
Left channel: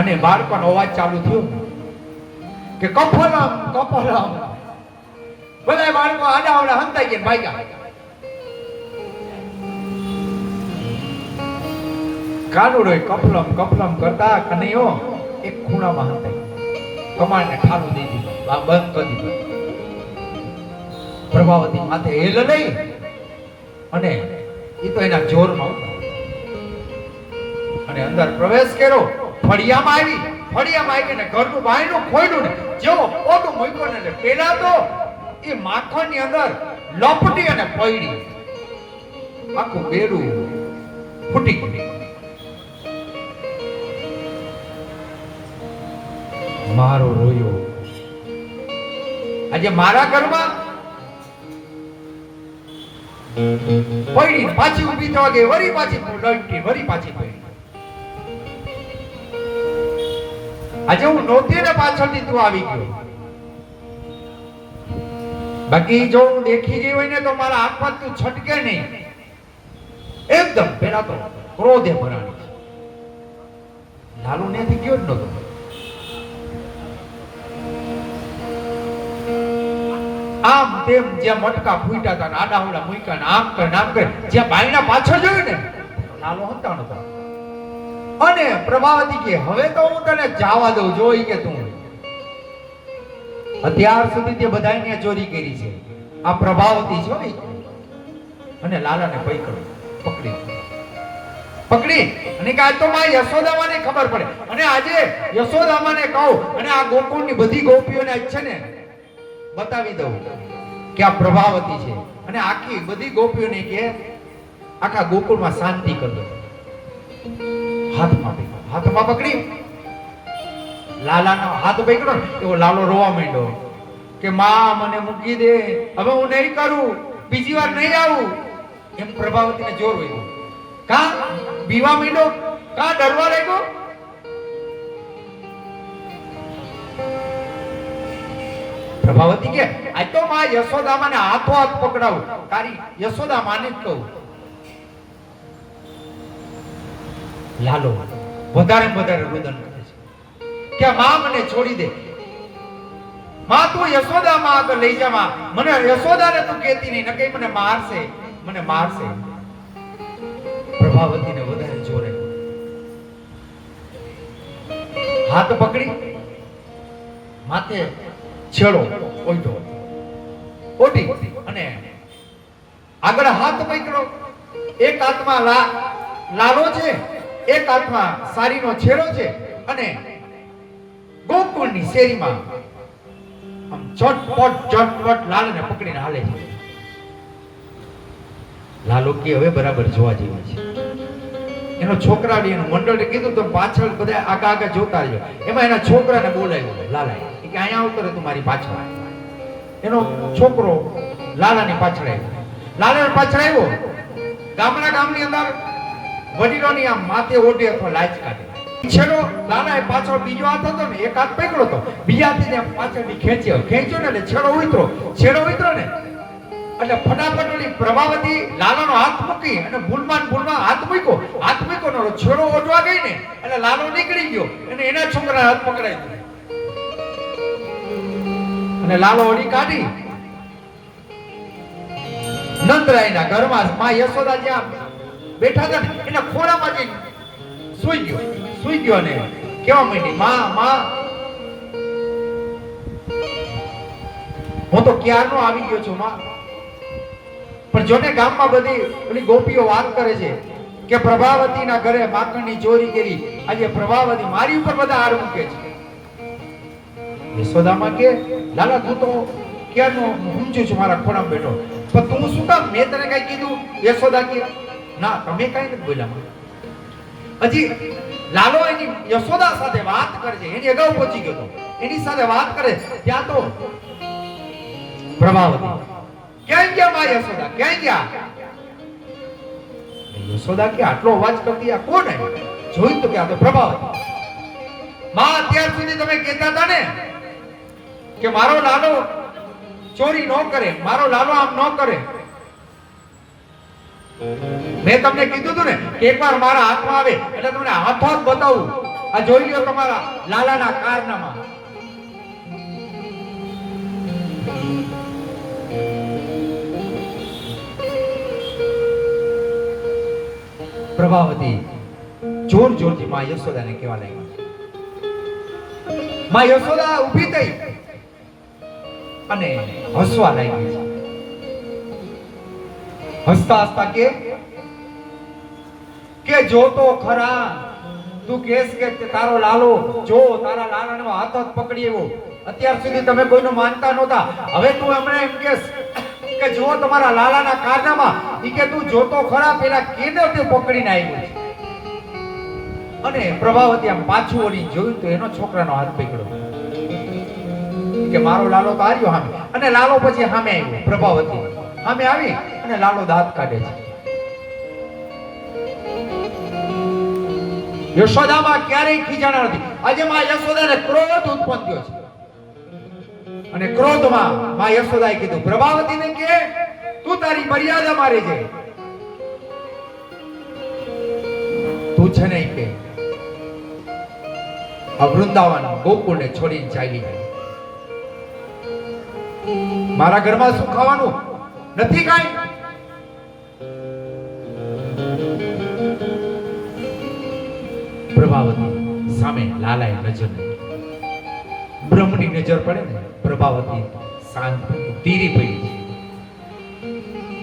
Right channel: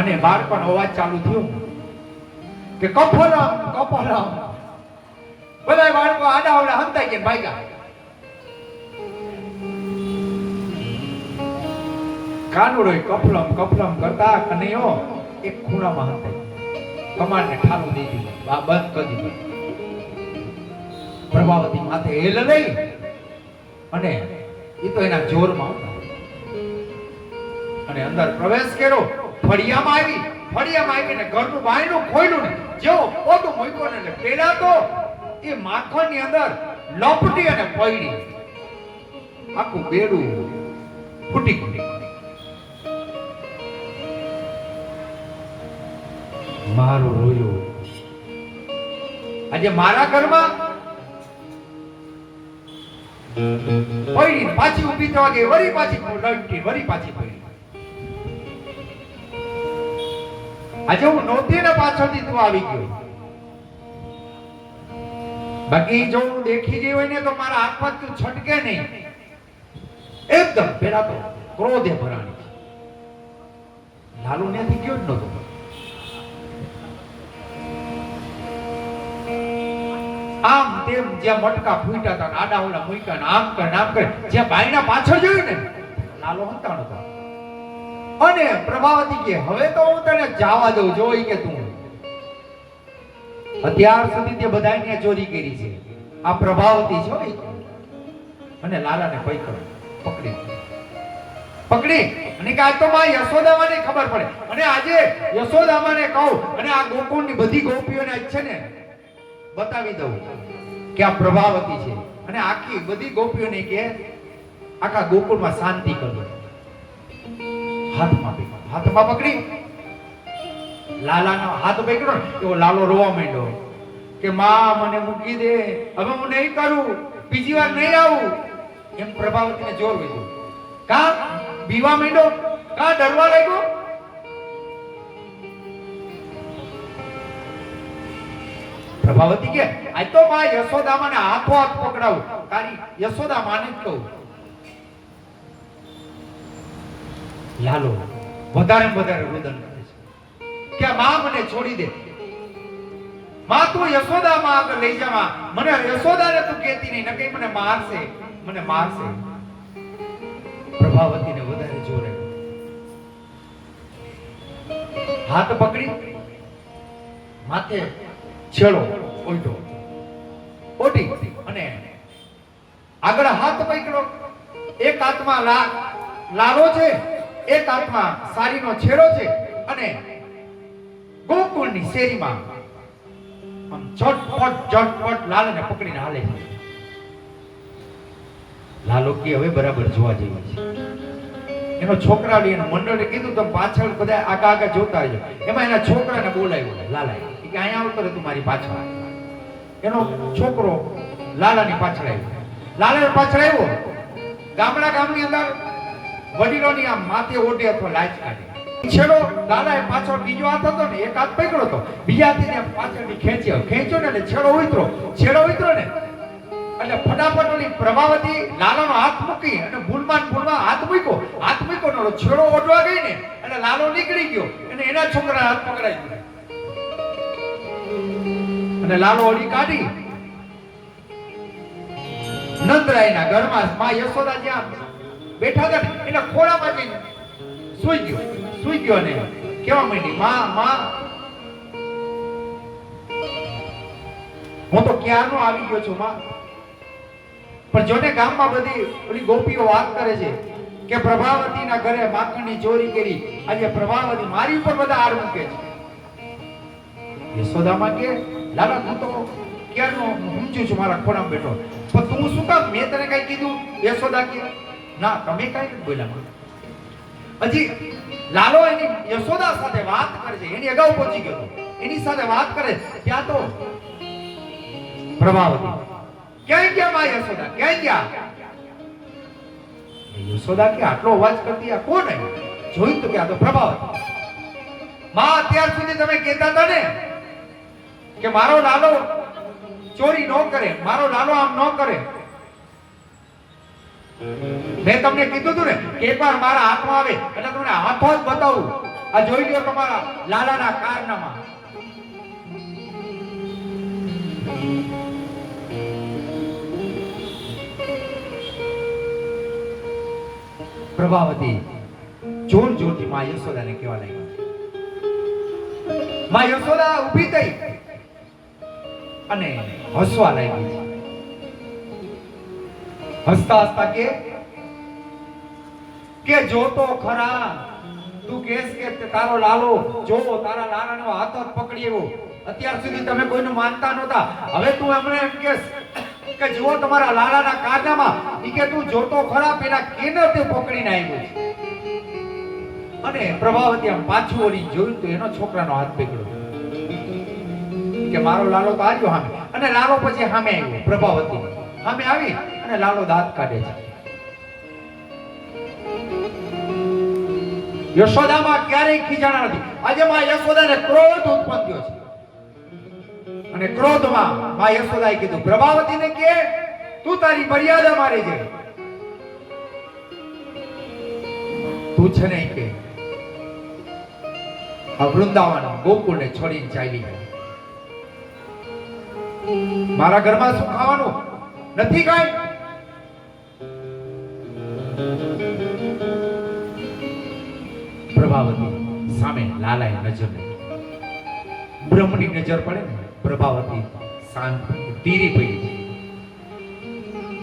અને બાળકોનો અવાજ ચાલુ થયો કે કફરમ કફરમ. બધા બાળકો આડાવડા હંતાઈ ગયા ભાગ્યા. કાનુડો કફલમ કફલમ કરતા કનૈયો એક ખૂણામાં હંતાઈ કમાલને ઠાલું દઈ દીધું, બંધ કરી દીધું. પ્રભાવતી માથે હેલ નહીં અને એ તો એના જોરમાં અને અંદર પ્રવેશ કર્યો. ફળિયામાં આવી ને ઘરનું બાયણું ખોલ્યું ને જેવો પોટું મૂક્યું ને પેલા તો એ માખણની અંદર લપટી અને પડી આખું બેડું ફૂટી ગયું. મારો રોયો આજે મારા ઘરમાં પડી પાછી ઊભી થવા ગઈ, વળી પાછી લડતી, વળી પાછી પડી. આજે હું નહોતી ને પાછળથી તું આવી ગયો. બાકી જો હું દેખી ગઈ હોય ને તો મારા હાથમાં તું છટકે નહીં. એકદમ પેલા તો ક્રોધે ભરાણી છે. લાલુ નથી ગયો જ નતો. આમ તેમ જ્યાં મટકા ફૂટ્યા હતા આડાવડા મૂક્યા ને આમ કરે જ્યાં બાયના પાછળ જોયું ને લાલુ હતા નતો. અને પ્રભાવતી કે હવે તો હું તને જવા દઉં, જોઈ કે તું અત્યાર સુધી તે બધાને ચોરી કરી છે. આ પ્રભાવતી છો ને. અને લાલાને પકડી અને કે આ તો માં યશોદામાને ખબર પડે. અને આજે યશોદામાને કહું અને આ ગોકુળની બધી ગોપીઓને આજ છે ને બતાવી દઉં કે આ પ્રભાવતી છે. અને આખી બધી ગોપીઓને કે આખા ગોકુળમાં શાંતિ કરી દો. હાથમાં પકડી લાલાના હાથ પકડ્યો એવો લાલો રોવા માંડ્યો કે માં મને મૂકી દે, હવે હું નહીં કરું, બીજી વાર નહીં આવું. એમ પ્રભાવતીને જોર વળ્યું. કા બીવા માંડ્યો, કા ડરવા લાગ્યો. પ્રભાવતી કે આ તો માં યશોદામાને હાથો હાથ પકડાવું, તારી યશોદા માને જ કહું. લાલો વધારે રુદન કરે છે કે માં મને છોડી દે, માં તું યશોદામાં આગળ લઈ જા, માં મને યશોદાને તું કહેતી નહીં, નકે મને મારશે. પ્રભાવતીને વધારે જોર આવ્યો. હાથ પકડી માથે છેડો ઓઢી અને આગળ હાથ પકડ્યો. એક હાથમાં લાલો છે, એક હાથમાં સારીનો છેડો છે અને ગોકુળની શેરીમાં આમ ઝટપટ લાલાને પકડીને હાલે છે. લાલો કે હવે બરાબર જોવા જેવી છે. એનો છોકરા એનું મંડળે કીધું તમે પાછળ બધા આગા જોતા રહ્યો. એમાં એના છોકરાને બોલાવ્યો લાલાએ કે અહીંયા આવતો તું મારી પાછળ. એનો છોકરો લાલાની પાછળ આવ્યો. ગામની અંદર વડીલોની આમ માથે ઓઢે અથવા લાજ કાઢે. છેડો લાલાએ પાછળ બીજો હાથ હતો ને એક હાથ પકડ્યો હતો, બીજા હાથથી પાછળથી ખેંચ્યો ને એટલે છેડો ઉતરો ને એટલે ફટાફટ ઓલી પ્રભાવતી લાલાનો હાથ મૂકી અને ભૂલમાં હાથ મૂક્યો ને છેડો ઓઢવા ગઈ ને એટલે લાલો નીકળી ગયો અને એના છોકરા હાથ પકડાઈ ગયો અને લાલો ઓળી કાઢી નંદરાયના ઘરમાં માં યશોદા જ્યાં બેઠા હતા ને એના ખોળામાં જઈને સુઈ ગયો અને કેવા માંડી માં હું તો ક્યારનો આવી ગયો છું માં. પણ જોને ગામમાં બધી ઓલી ગોપીઓ વાત કરે છે કે પ્રભાવતીના ઘરે માખણની ચોરી કરી. આજે પ્રભાવતી મારી ઉપર બધા આડ મૂકે છે. યશોદામાં કે લાલા તું તો ક્યારનો ઊંચું છું મારા ખોળામાં બેઠો, પણ તું શું કામ, મેં તને કઈ કીધું? યશોદા કે ના તમે કઈ નથી બોલ્યા. હજી લાલો એની યશોદા સાથે વાત કરે છે, એની અગાઉ પહોંચી ગયો એની સાથે વાત કરે ત્યાં તો પ્રભાવતી ક્યાં ગયા માં યશોદા ક્યાં ગયા? યશોદા કે આટલો અવાજ કરતી આ કોણ આવ્યું? જોયું તો કે આ તો પ્રભાવતી. માં અત્યાર સુધી તમે કહેતા હતા ને કે મારો નાનો ચોરી ન કરે, મારો લાલો આમ ન કરે. મેં તમને કીધું હતું ને કે એકવાર મારા હાથમાં આવે એટલે તમને હાથો જ બતાવું. આ જોઈ લ્યો તમારા લાલાના કારનામા. પ્રભાવતી જોર જોરથી માં યશોદાને કહેવા લાગી. માં યશોદા ઊભી થઈ અને હસવા લાગી. હસતા હસતા કે જો તો ખરા, તું કહેશ કે તારો લાલો, જો તારા લાલાનો હાથ જ પકડી એવો. અત્યાર સુધી તમે કોઈનું માનતા નહોતા, હવે તું અમને એમ કહેશ કે જો તમારા લાલાના કારનામાં, ઈ કે તું જોતો ખરા પેલા કેને તે પકડીને આવ્યો છે. અને પ્રભાવતી આમ પાછું વળી જોયું તો એનો છોકરાનો હાથ પકડ્યો કે મારો લાલો તો આવ્યો સામે. અને લાલો પછી સામે આવ્યો. પ્રભાવતી સામે આવી અને લાલો દાંત કાઢે છે. યશોદામાં ક્યારેય ખીજાણા નથી. આજે માં યશોદાને ક્રોધ ઉત્પન્ન થયો છે. અને ક્રોધમાં માં યશોદાએ કીધું પ્રભાવતીને કે તું તારી મર્યાદા મારે છે. તું છે ને કે વૃંદાવન ગોકુળને છોડીને ચાલી ગઈ. મારા ઘરમાં શું ખાવાનું નથી કાંઈ. પ્રભાવતી સામે લાલાએ નજર નાખી. બ્રહ્મની નજર પડે ને પ્રભાવતી શાંત ધીરી પડી છે.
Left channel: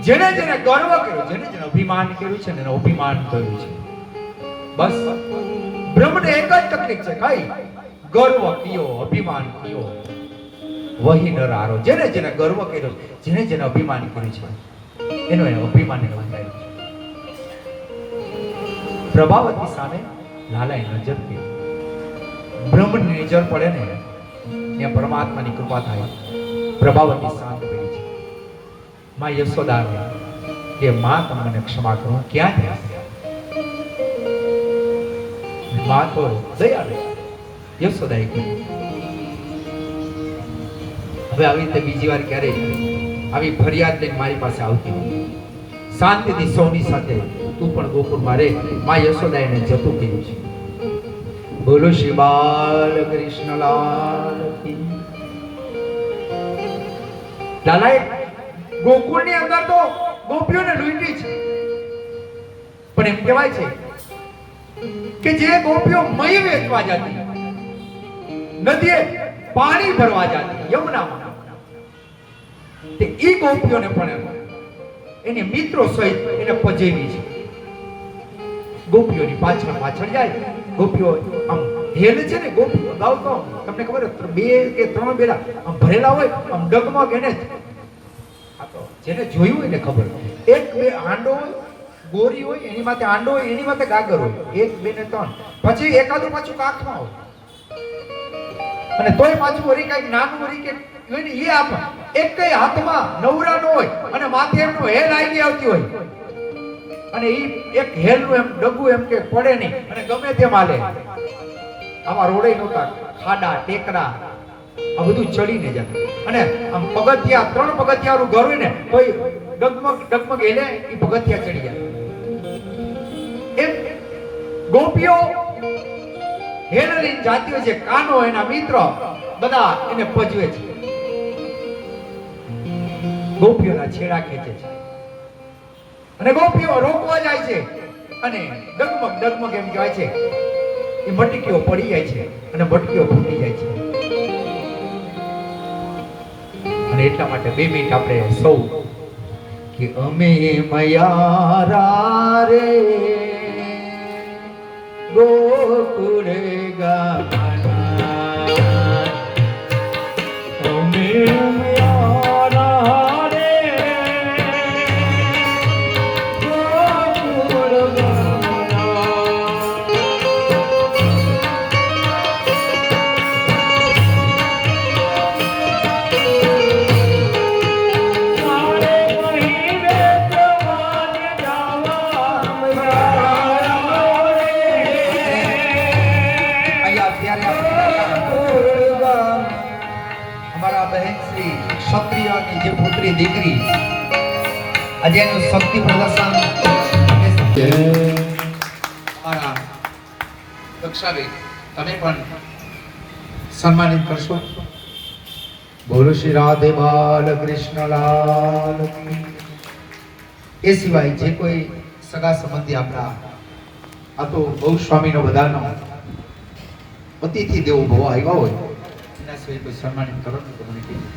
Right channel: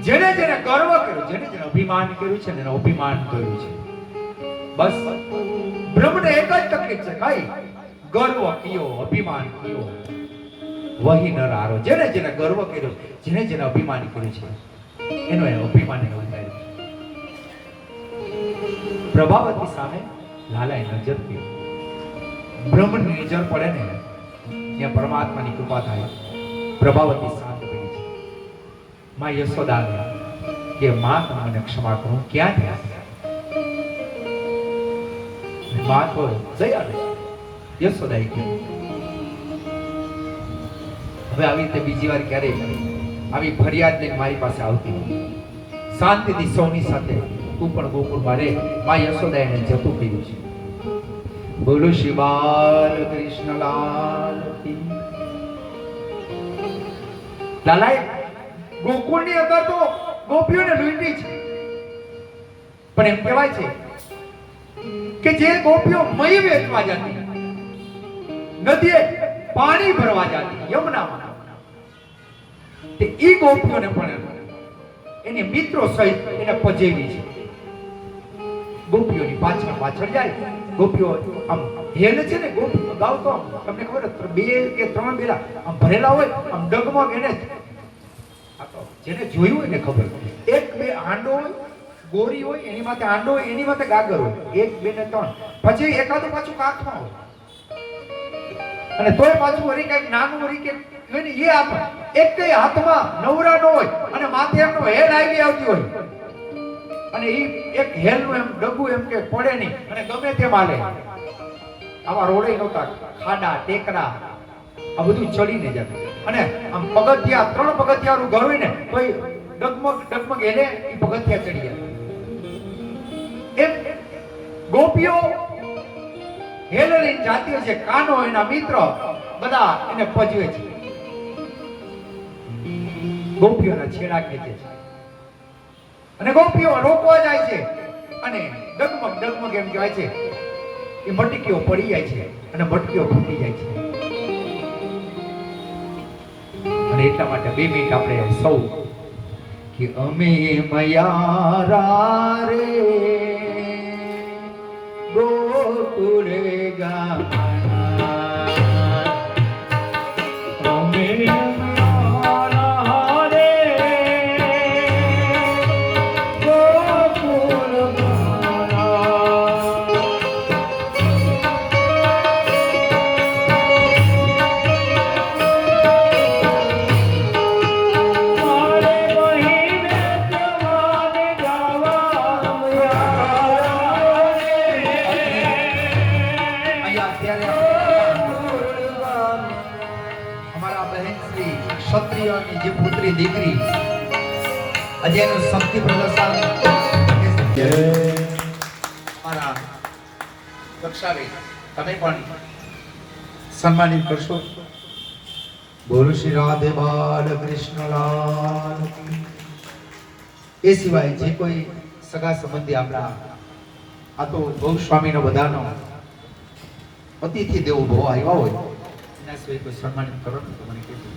જેને જેને ગર્વ કર્યો, જેને જેને અભિમાન કર્યું છે, એને અભિમાન કર્યું છે. બસ બ્રહ્મને એક જ તકલીફ છે, કઈ ગર્વ કિયો, અભિમાન કિયો, વહી નરારો. જેને જેને ગર્વ કર્યો, જેને જેને અભિમાન કર્યું છે, એનો એ અભિમાન વધાર્યું. પ્રભાવતી સામે લાલાએ નજર કર્યો. બ્રહ્મની નજર પડે ને ત્યાં પરમાત્માની કૃપા થાય. પ્રભાવતી શાંત પડી છે. માં યશોદાને કે માં મને ક્ષમા કરો, ક્યાં થયા છે? માં તો દયા દે. યશોદાએ કીધું હવે આવી રીતે બીજી વાર ક્યારેય આવી ફરિયાદ લઈને મારી પાસે આવતી નહીં. શાંતિથી સૌની સાથે તું પણ ગોકુળમાં રહે. માં યશોદા એને જતું કહ્યું છે. બોલો શ્રી બાલ કૃષ્ણલાલ કી. લાલાએ ગોકુળની અંદર તો ગોપીઓને લૂંટી છે, પણ એમ કહેવાય છે કે જે ગોપીઓ મહી વેચવા જતી, નદીએ પાણી ભરવા જતી, યમુનામાં, તે ઈ ગોપીઓને પણ એની મિત્રો સહિત એને પજેવી છે. ગોપીઓની પાછળ પાછળ જાય. ગોપીઓ આમ હેલ છે ને, ગોપીઓ લાવ તો તમને ખબર બે કે ત્રણ બેડા આમ ભરેલા હોય, આમ ડગમગ. એને જેને જોયું હોય ને ખબર, એક બે હાંડો હોય, ગોરી હોય, એની માથે હાંડો હોય, એની માથે ગાગર હોય, એક બે ને ત્રણ, પછી એકાદું પાછું કાખમાં હોય, અને તોય પાછું વળી કઈક નાનું વળી કે એ આપ એક કઈ હાથમાં નવરા નો હોય અને માથે એમનો હેલ આવી આવતી હોય, અને ઈ એક હેલનું એમ ડગું એમ કે પડે નહીં અને ગમે તેમ હાલે. આવા રોડે નહોતા, ખાડા ટેકરા આ બધું ચડીને જાય. અને આમ પગથિયા, 3 પગથિયાનું ઘર હોય ને તો ડગમગ ડગમગ એને ઈ પગથિયા ચડી જાય. એમ ગોપીઓ હેલ લઈને જાતી હોય છે. કાનો એના મિત્ર બધા એને પજવે છે. ગોપીઓના છેડા ખેંચે છે અને ગોપીઓ રોકવા જાય છે. અને ડગમગ ડગમગ એમ કહેવાય છે, એ મટકીઓ પડી જાય છે અને મટકીઓ ફૂટી જાય છે. અને એટલા માટે 2 મિનિટ આપણે સૌ કે અમે મયારા રે ગોકુળ ગામના અમે આજે એનું શક્તિ પ્રદર્શન જય અમારા કક્ષાબેન તમે પણ સન્માનિત કરશો. બોલો શ્રી રાધે બાલ કૃષ્ણ લાલ કી. એ સિવાય જે કોઈ સગા સંબંધી આપણા આ તો બહુ સ્વામીનો બધાનો અતિથિ દેવો બહુ આવ્યા હોય એના સિવાય કોઈ સન્માનિત કરો ને તો મને કહેજો.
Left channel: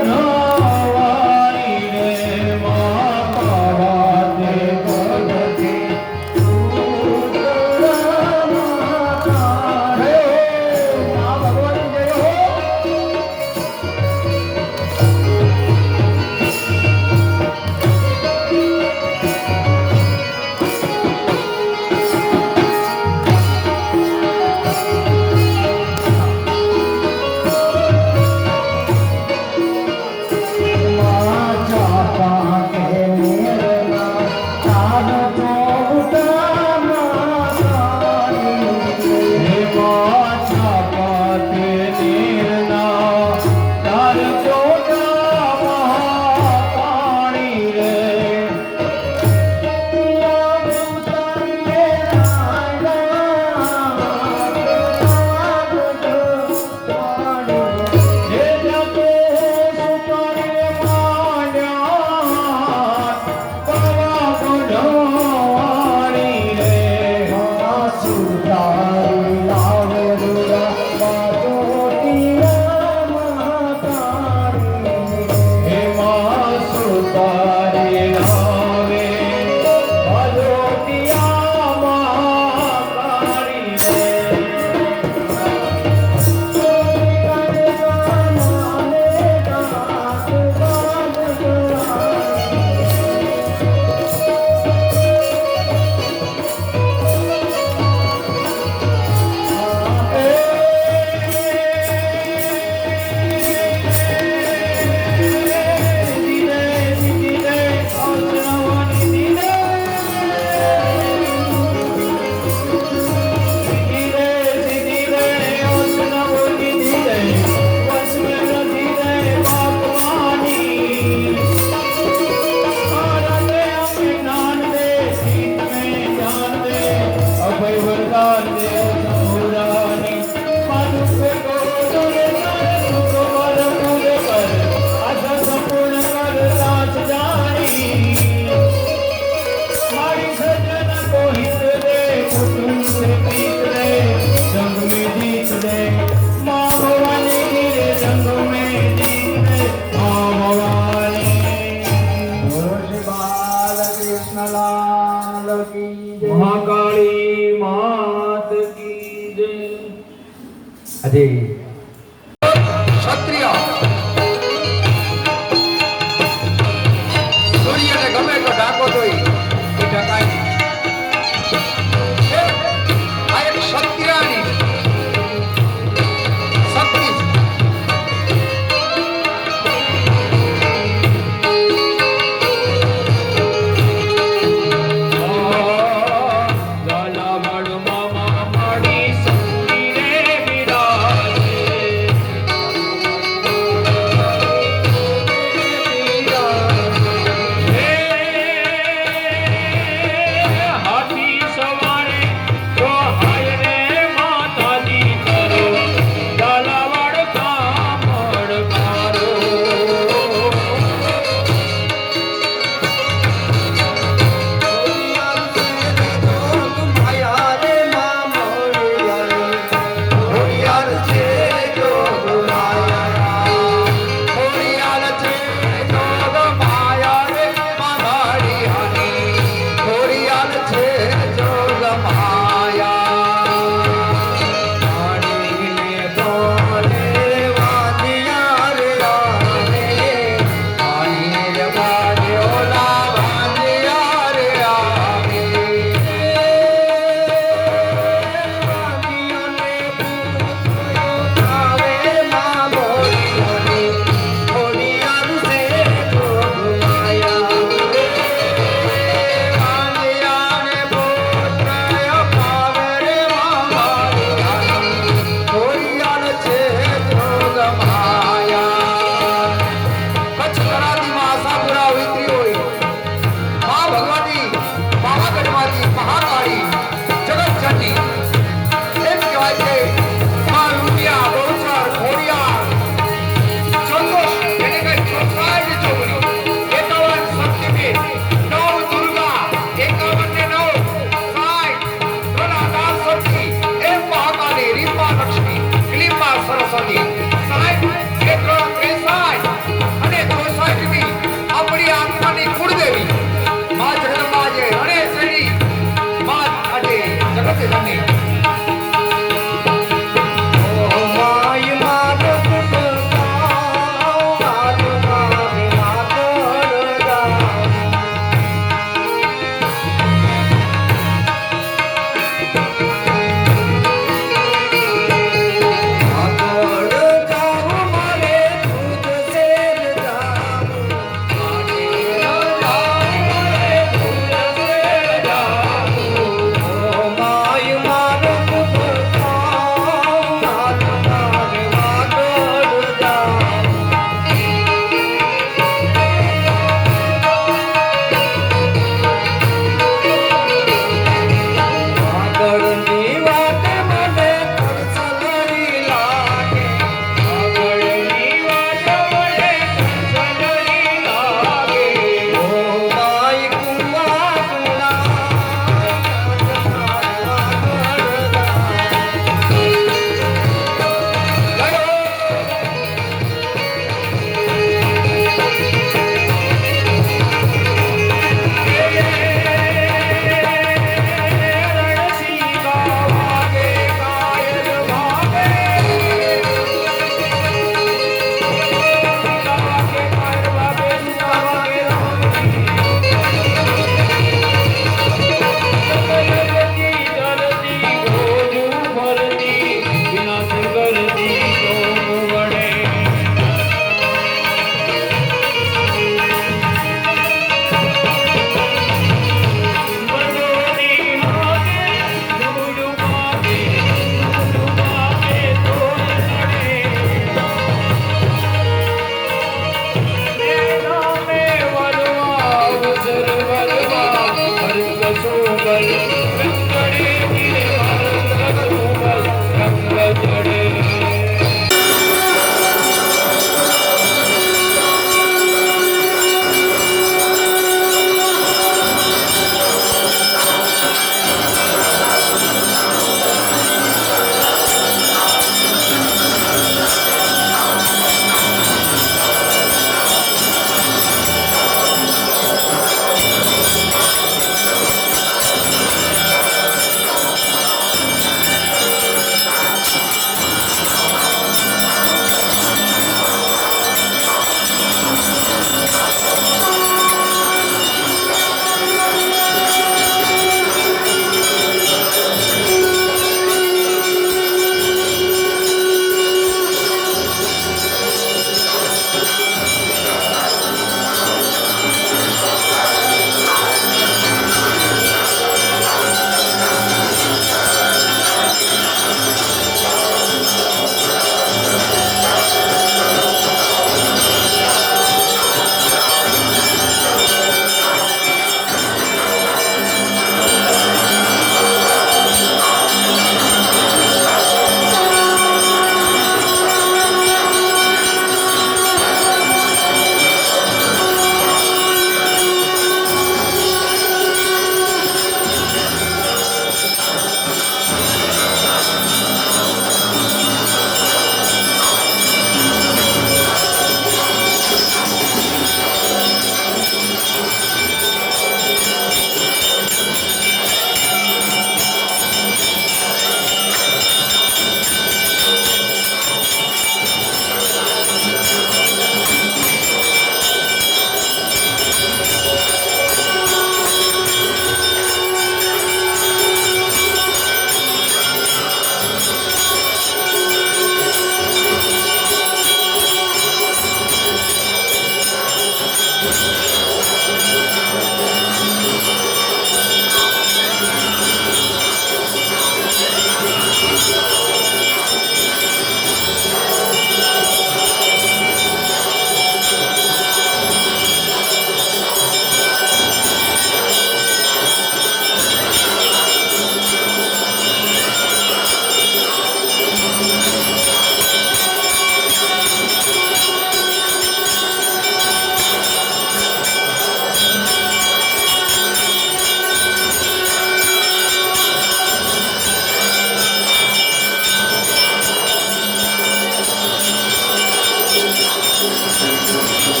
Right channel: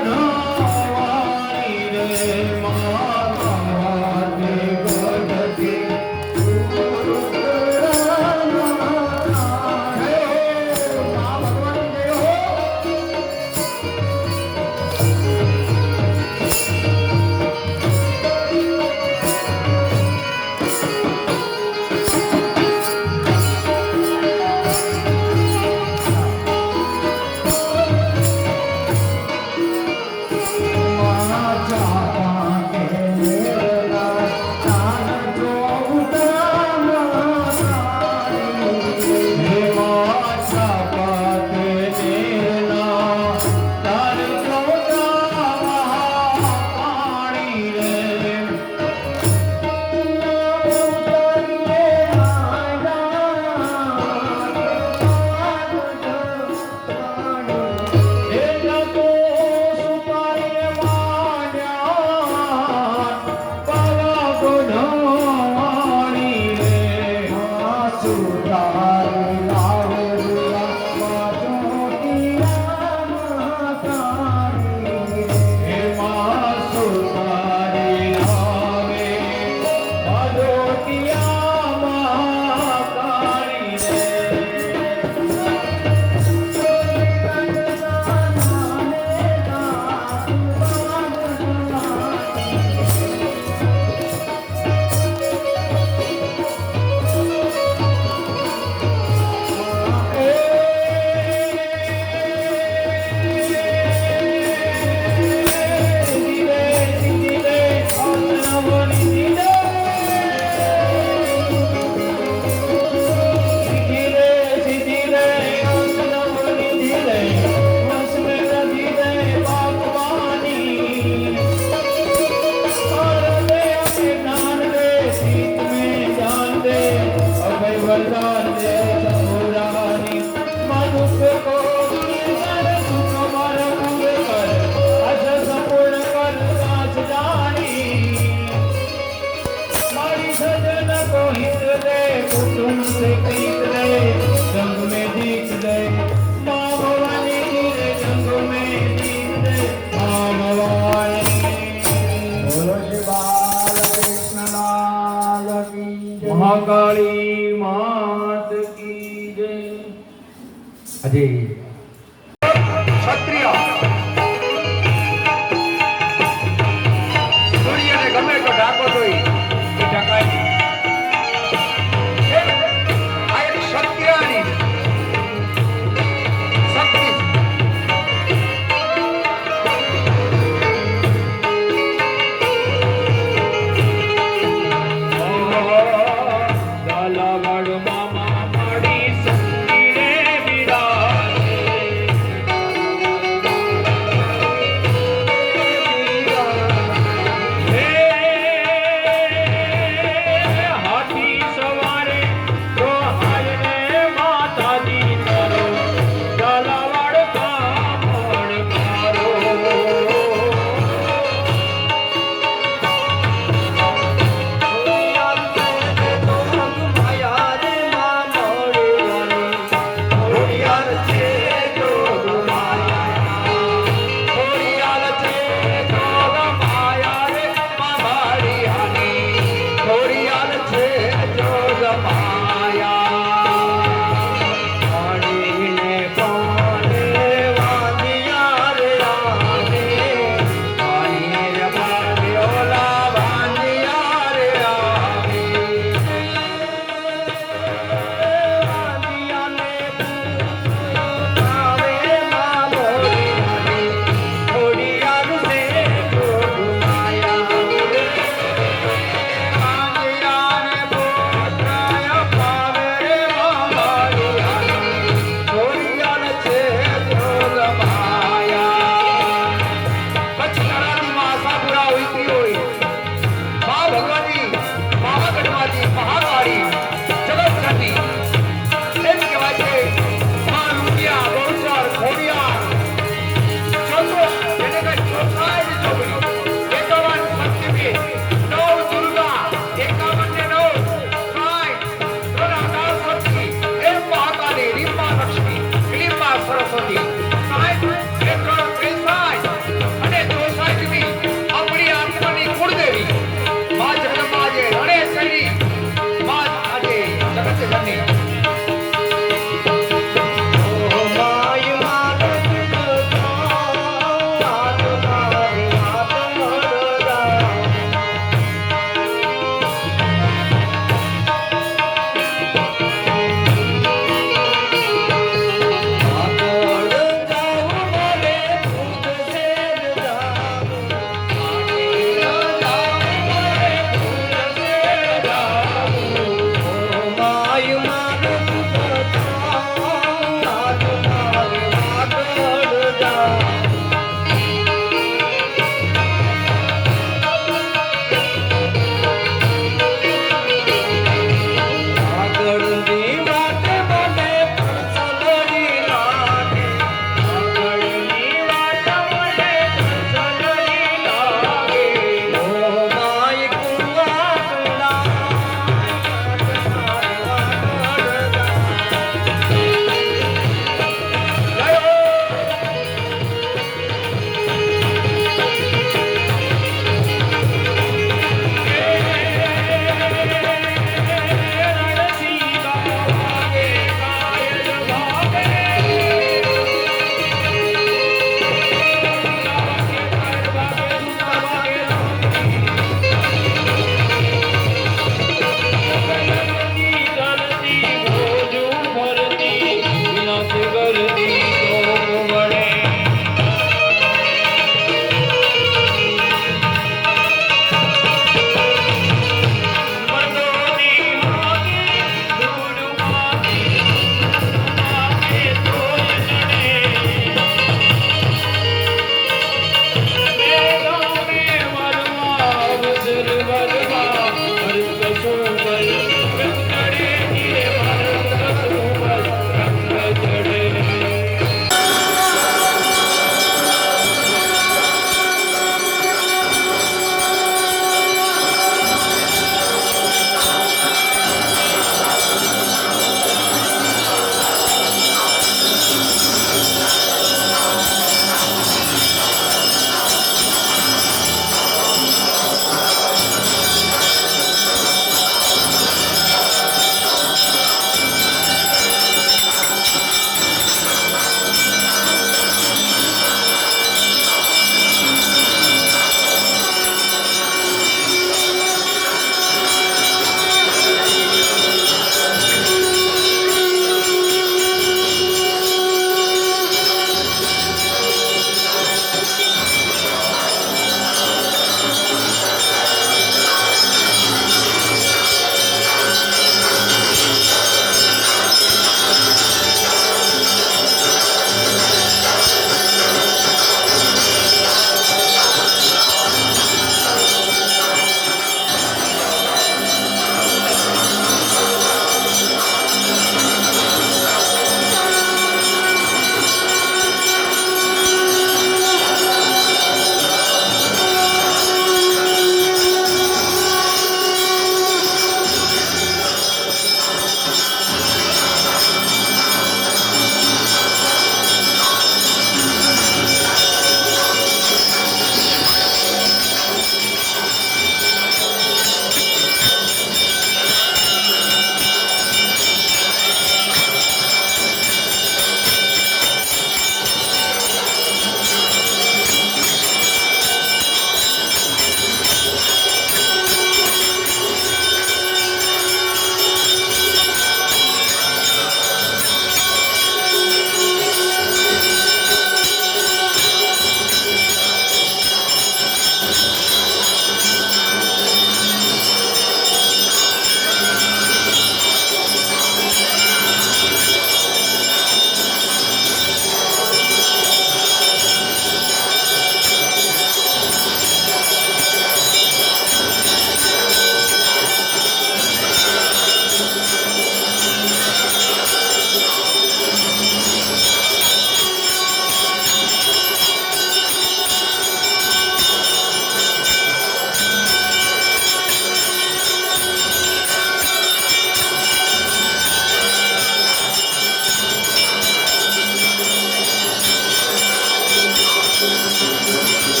છે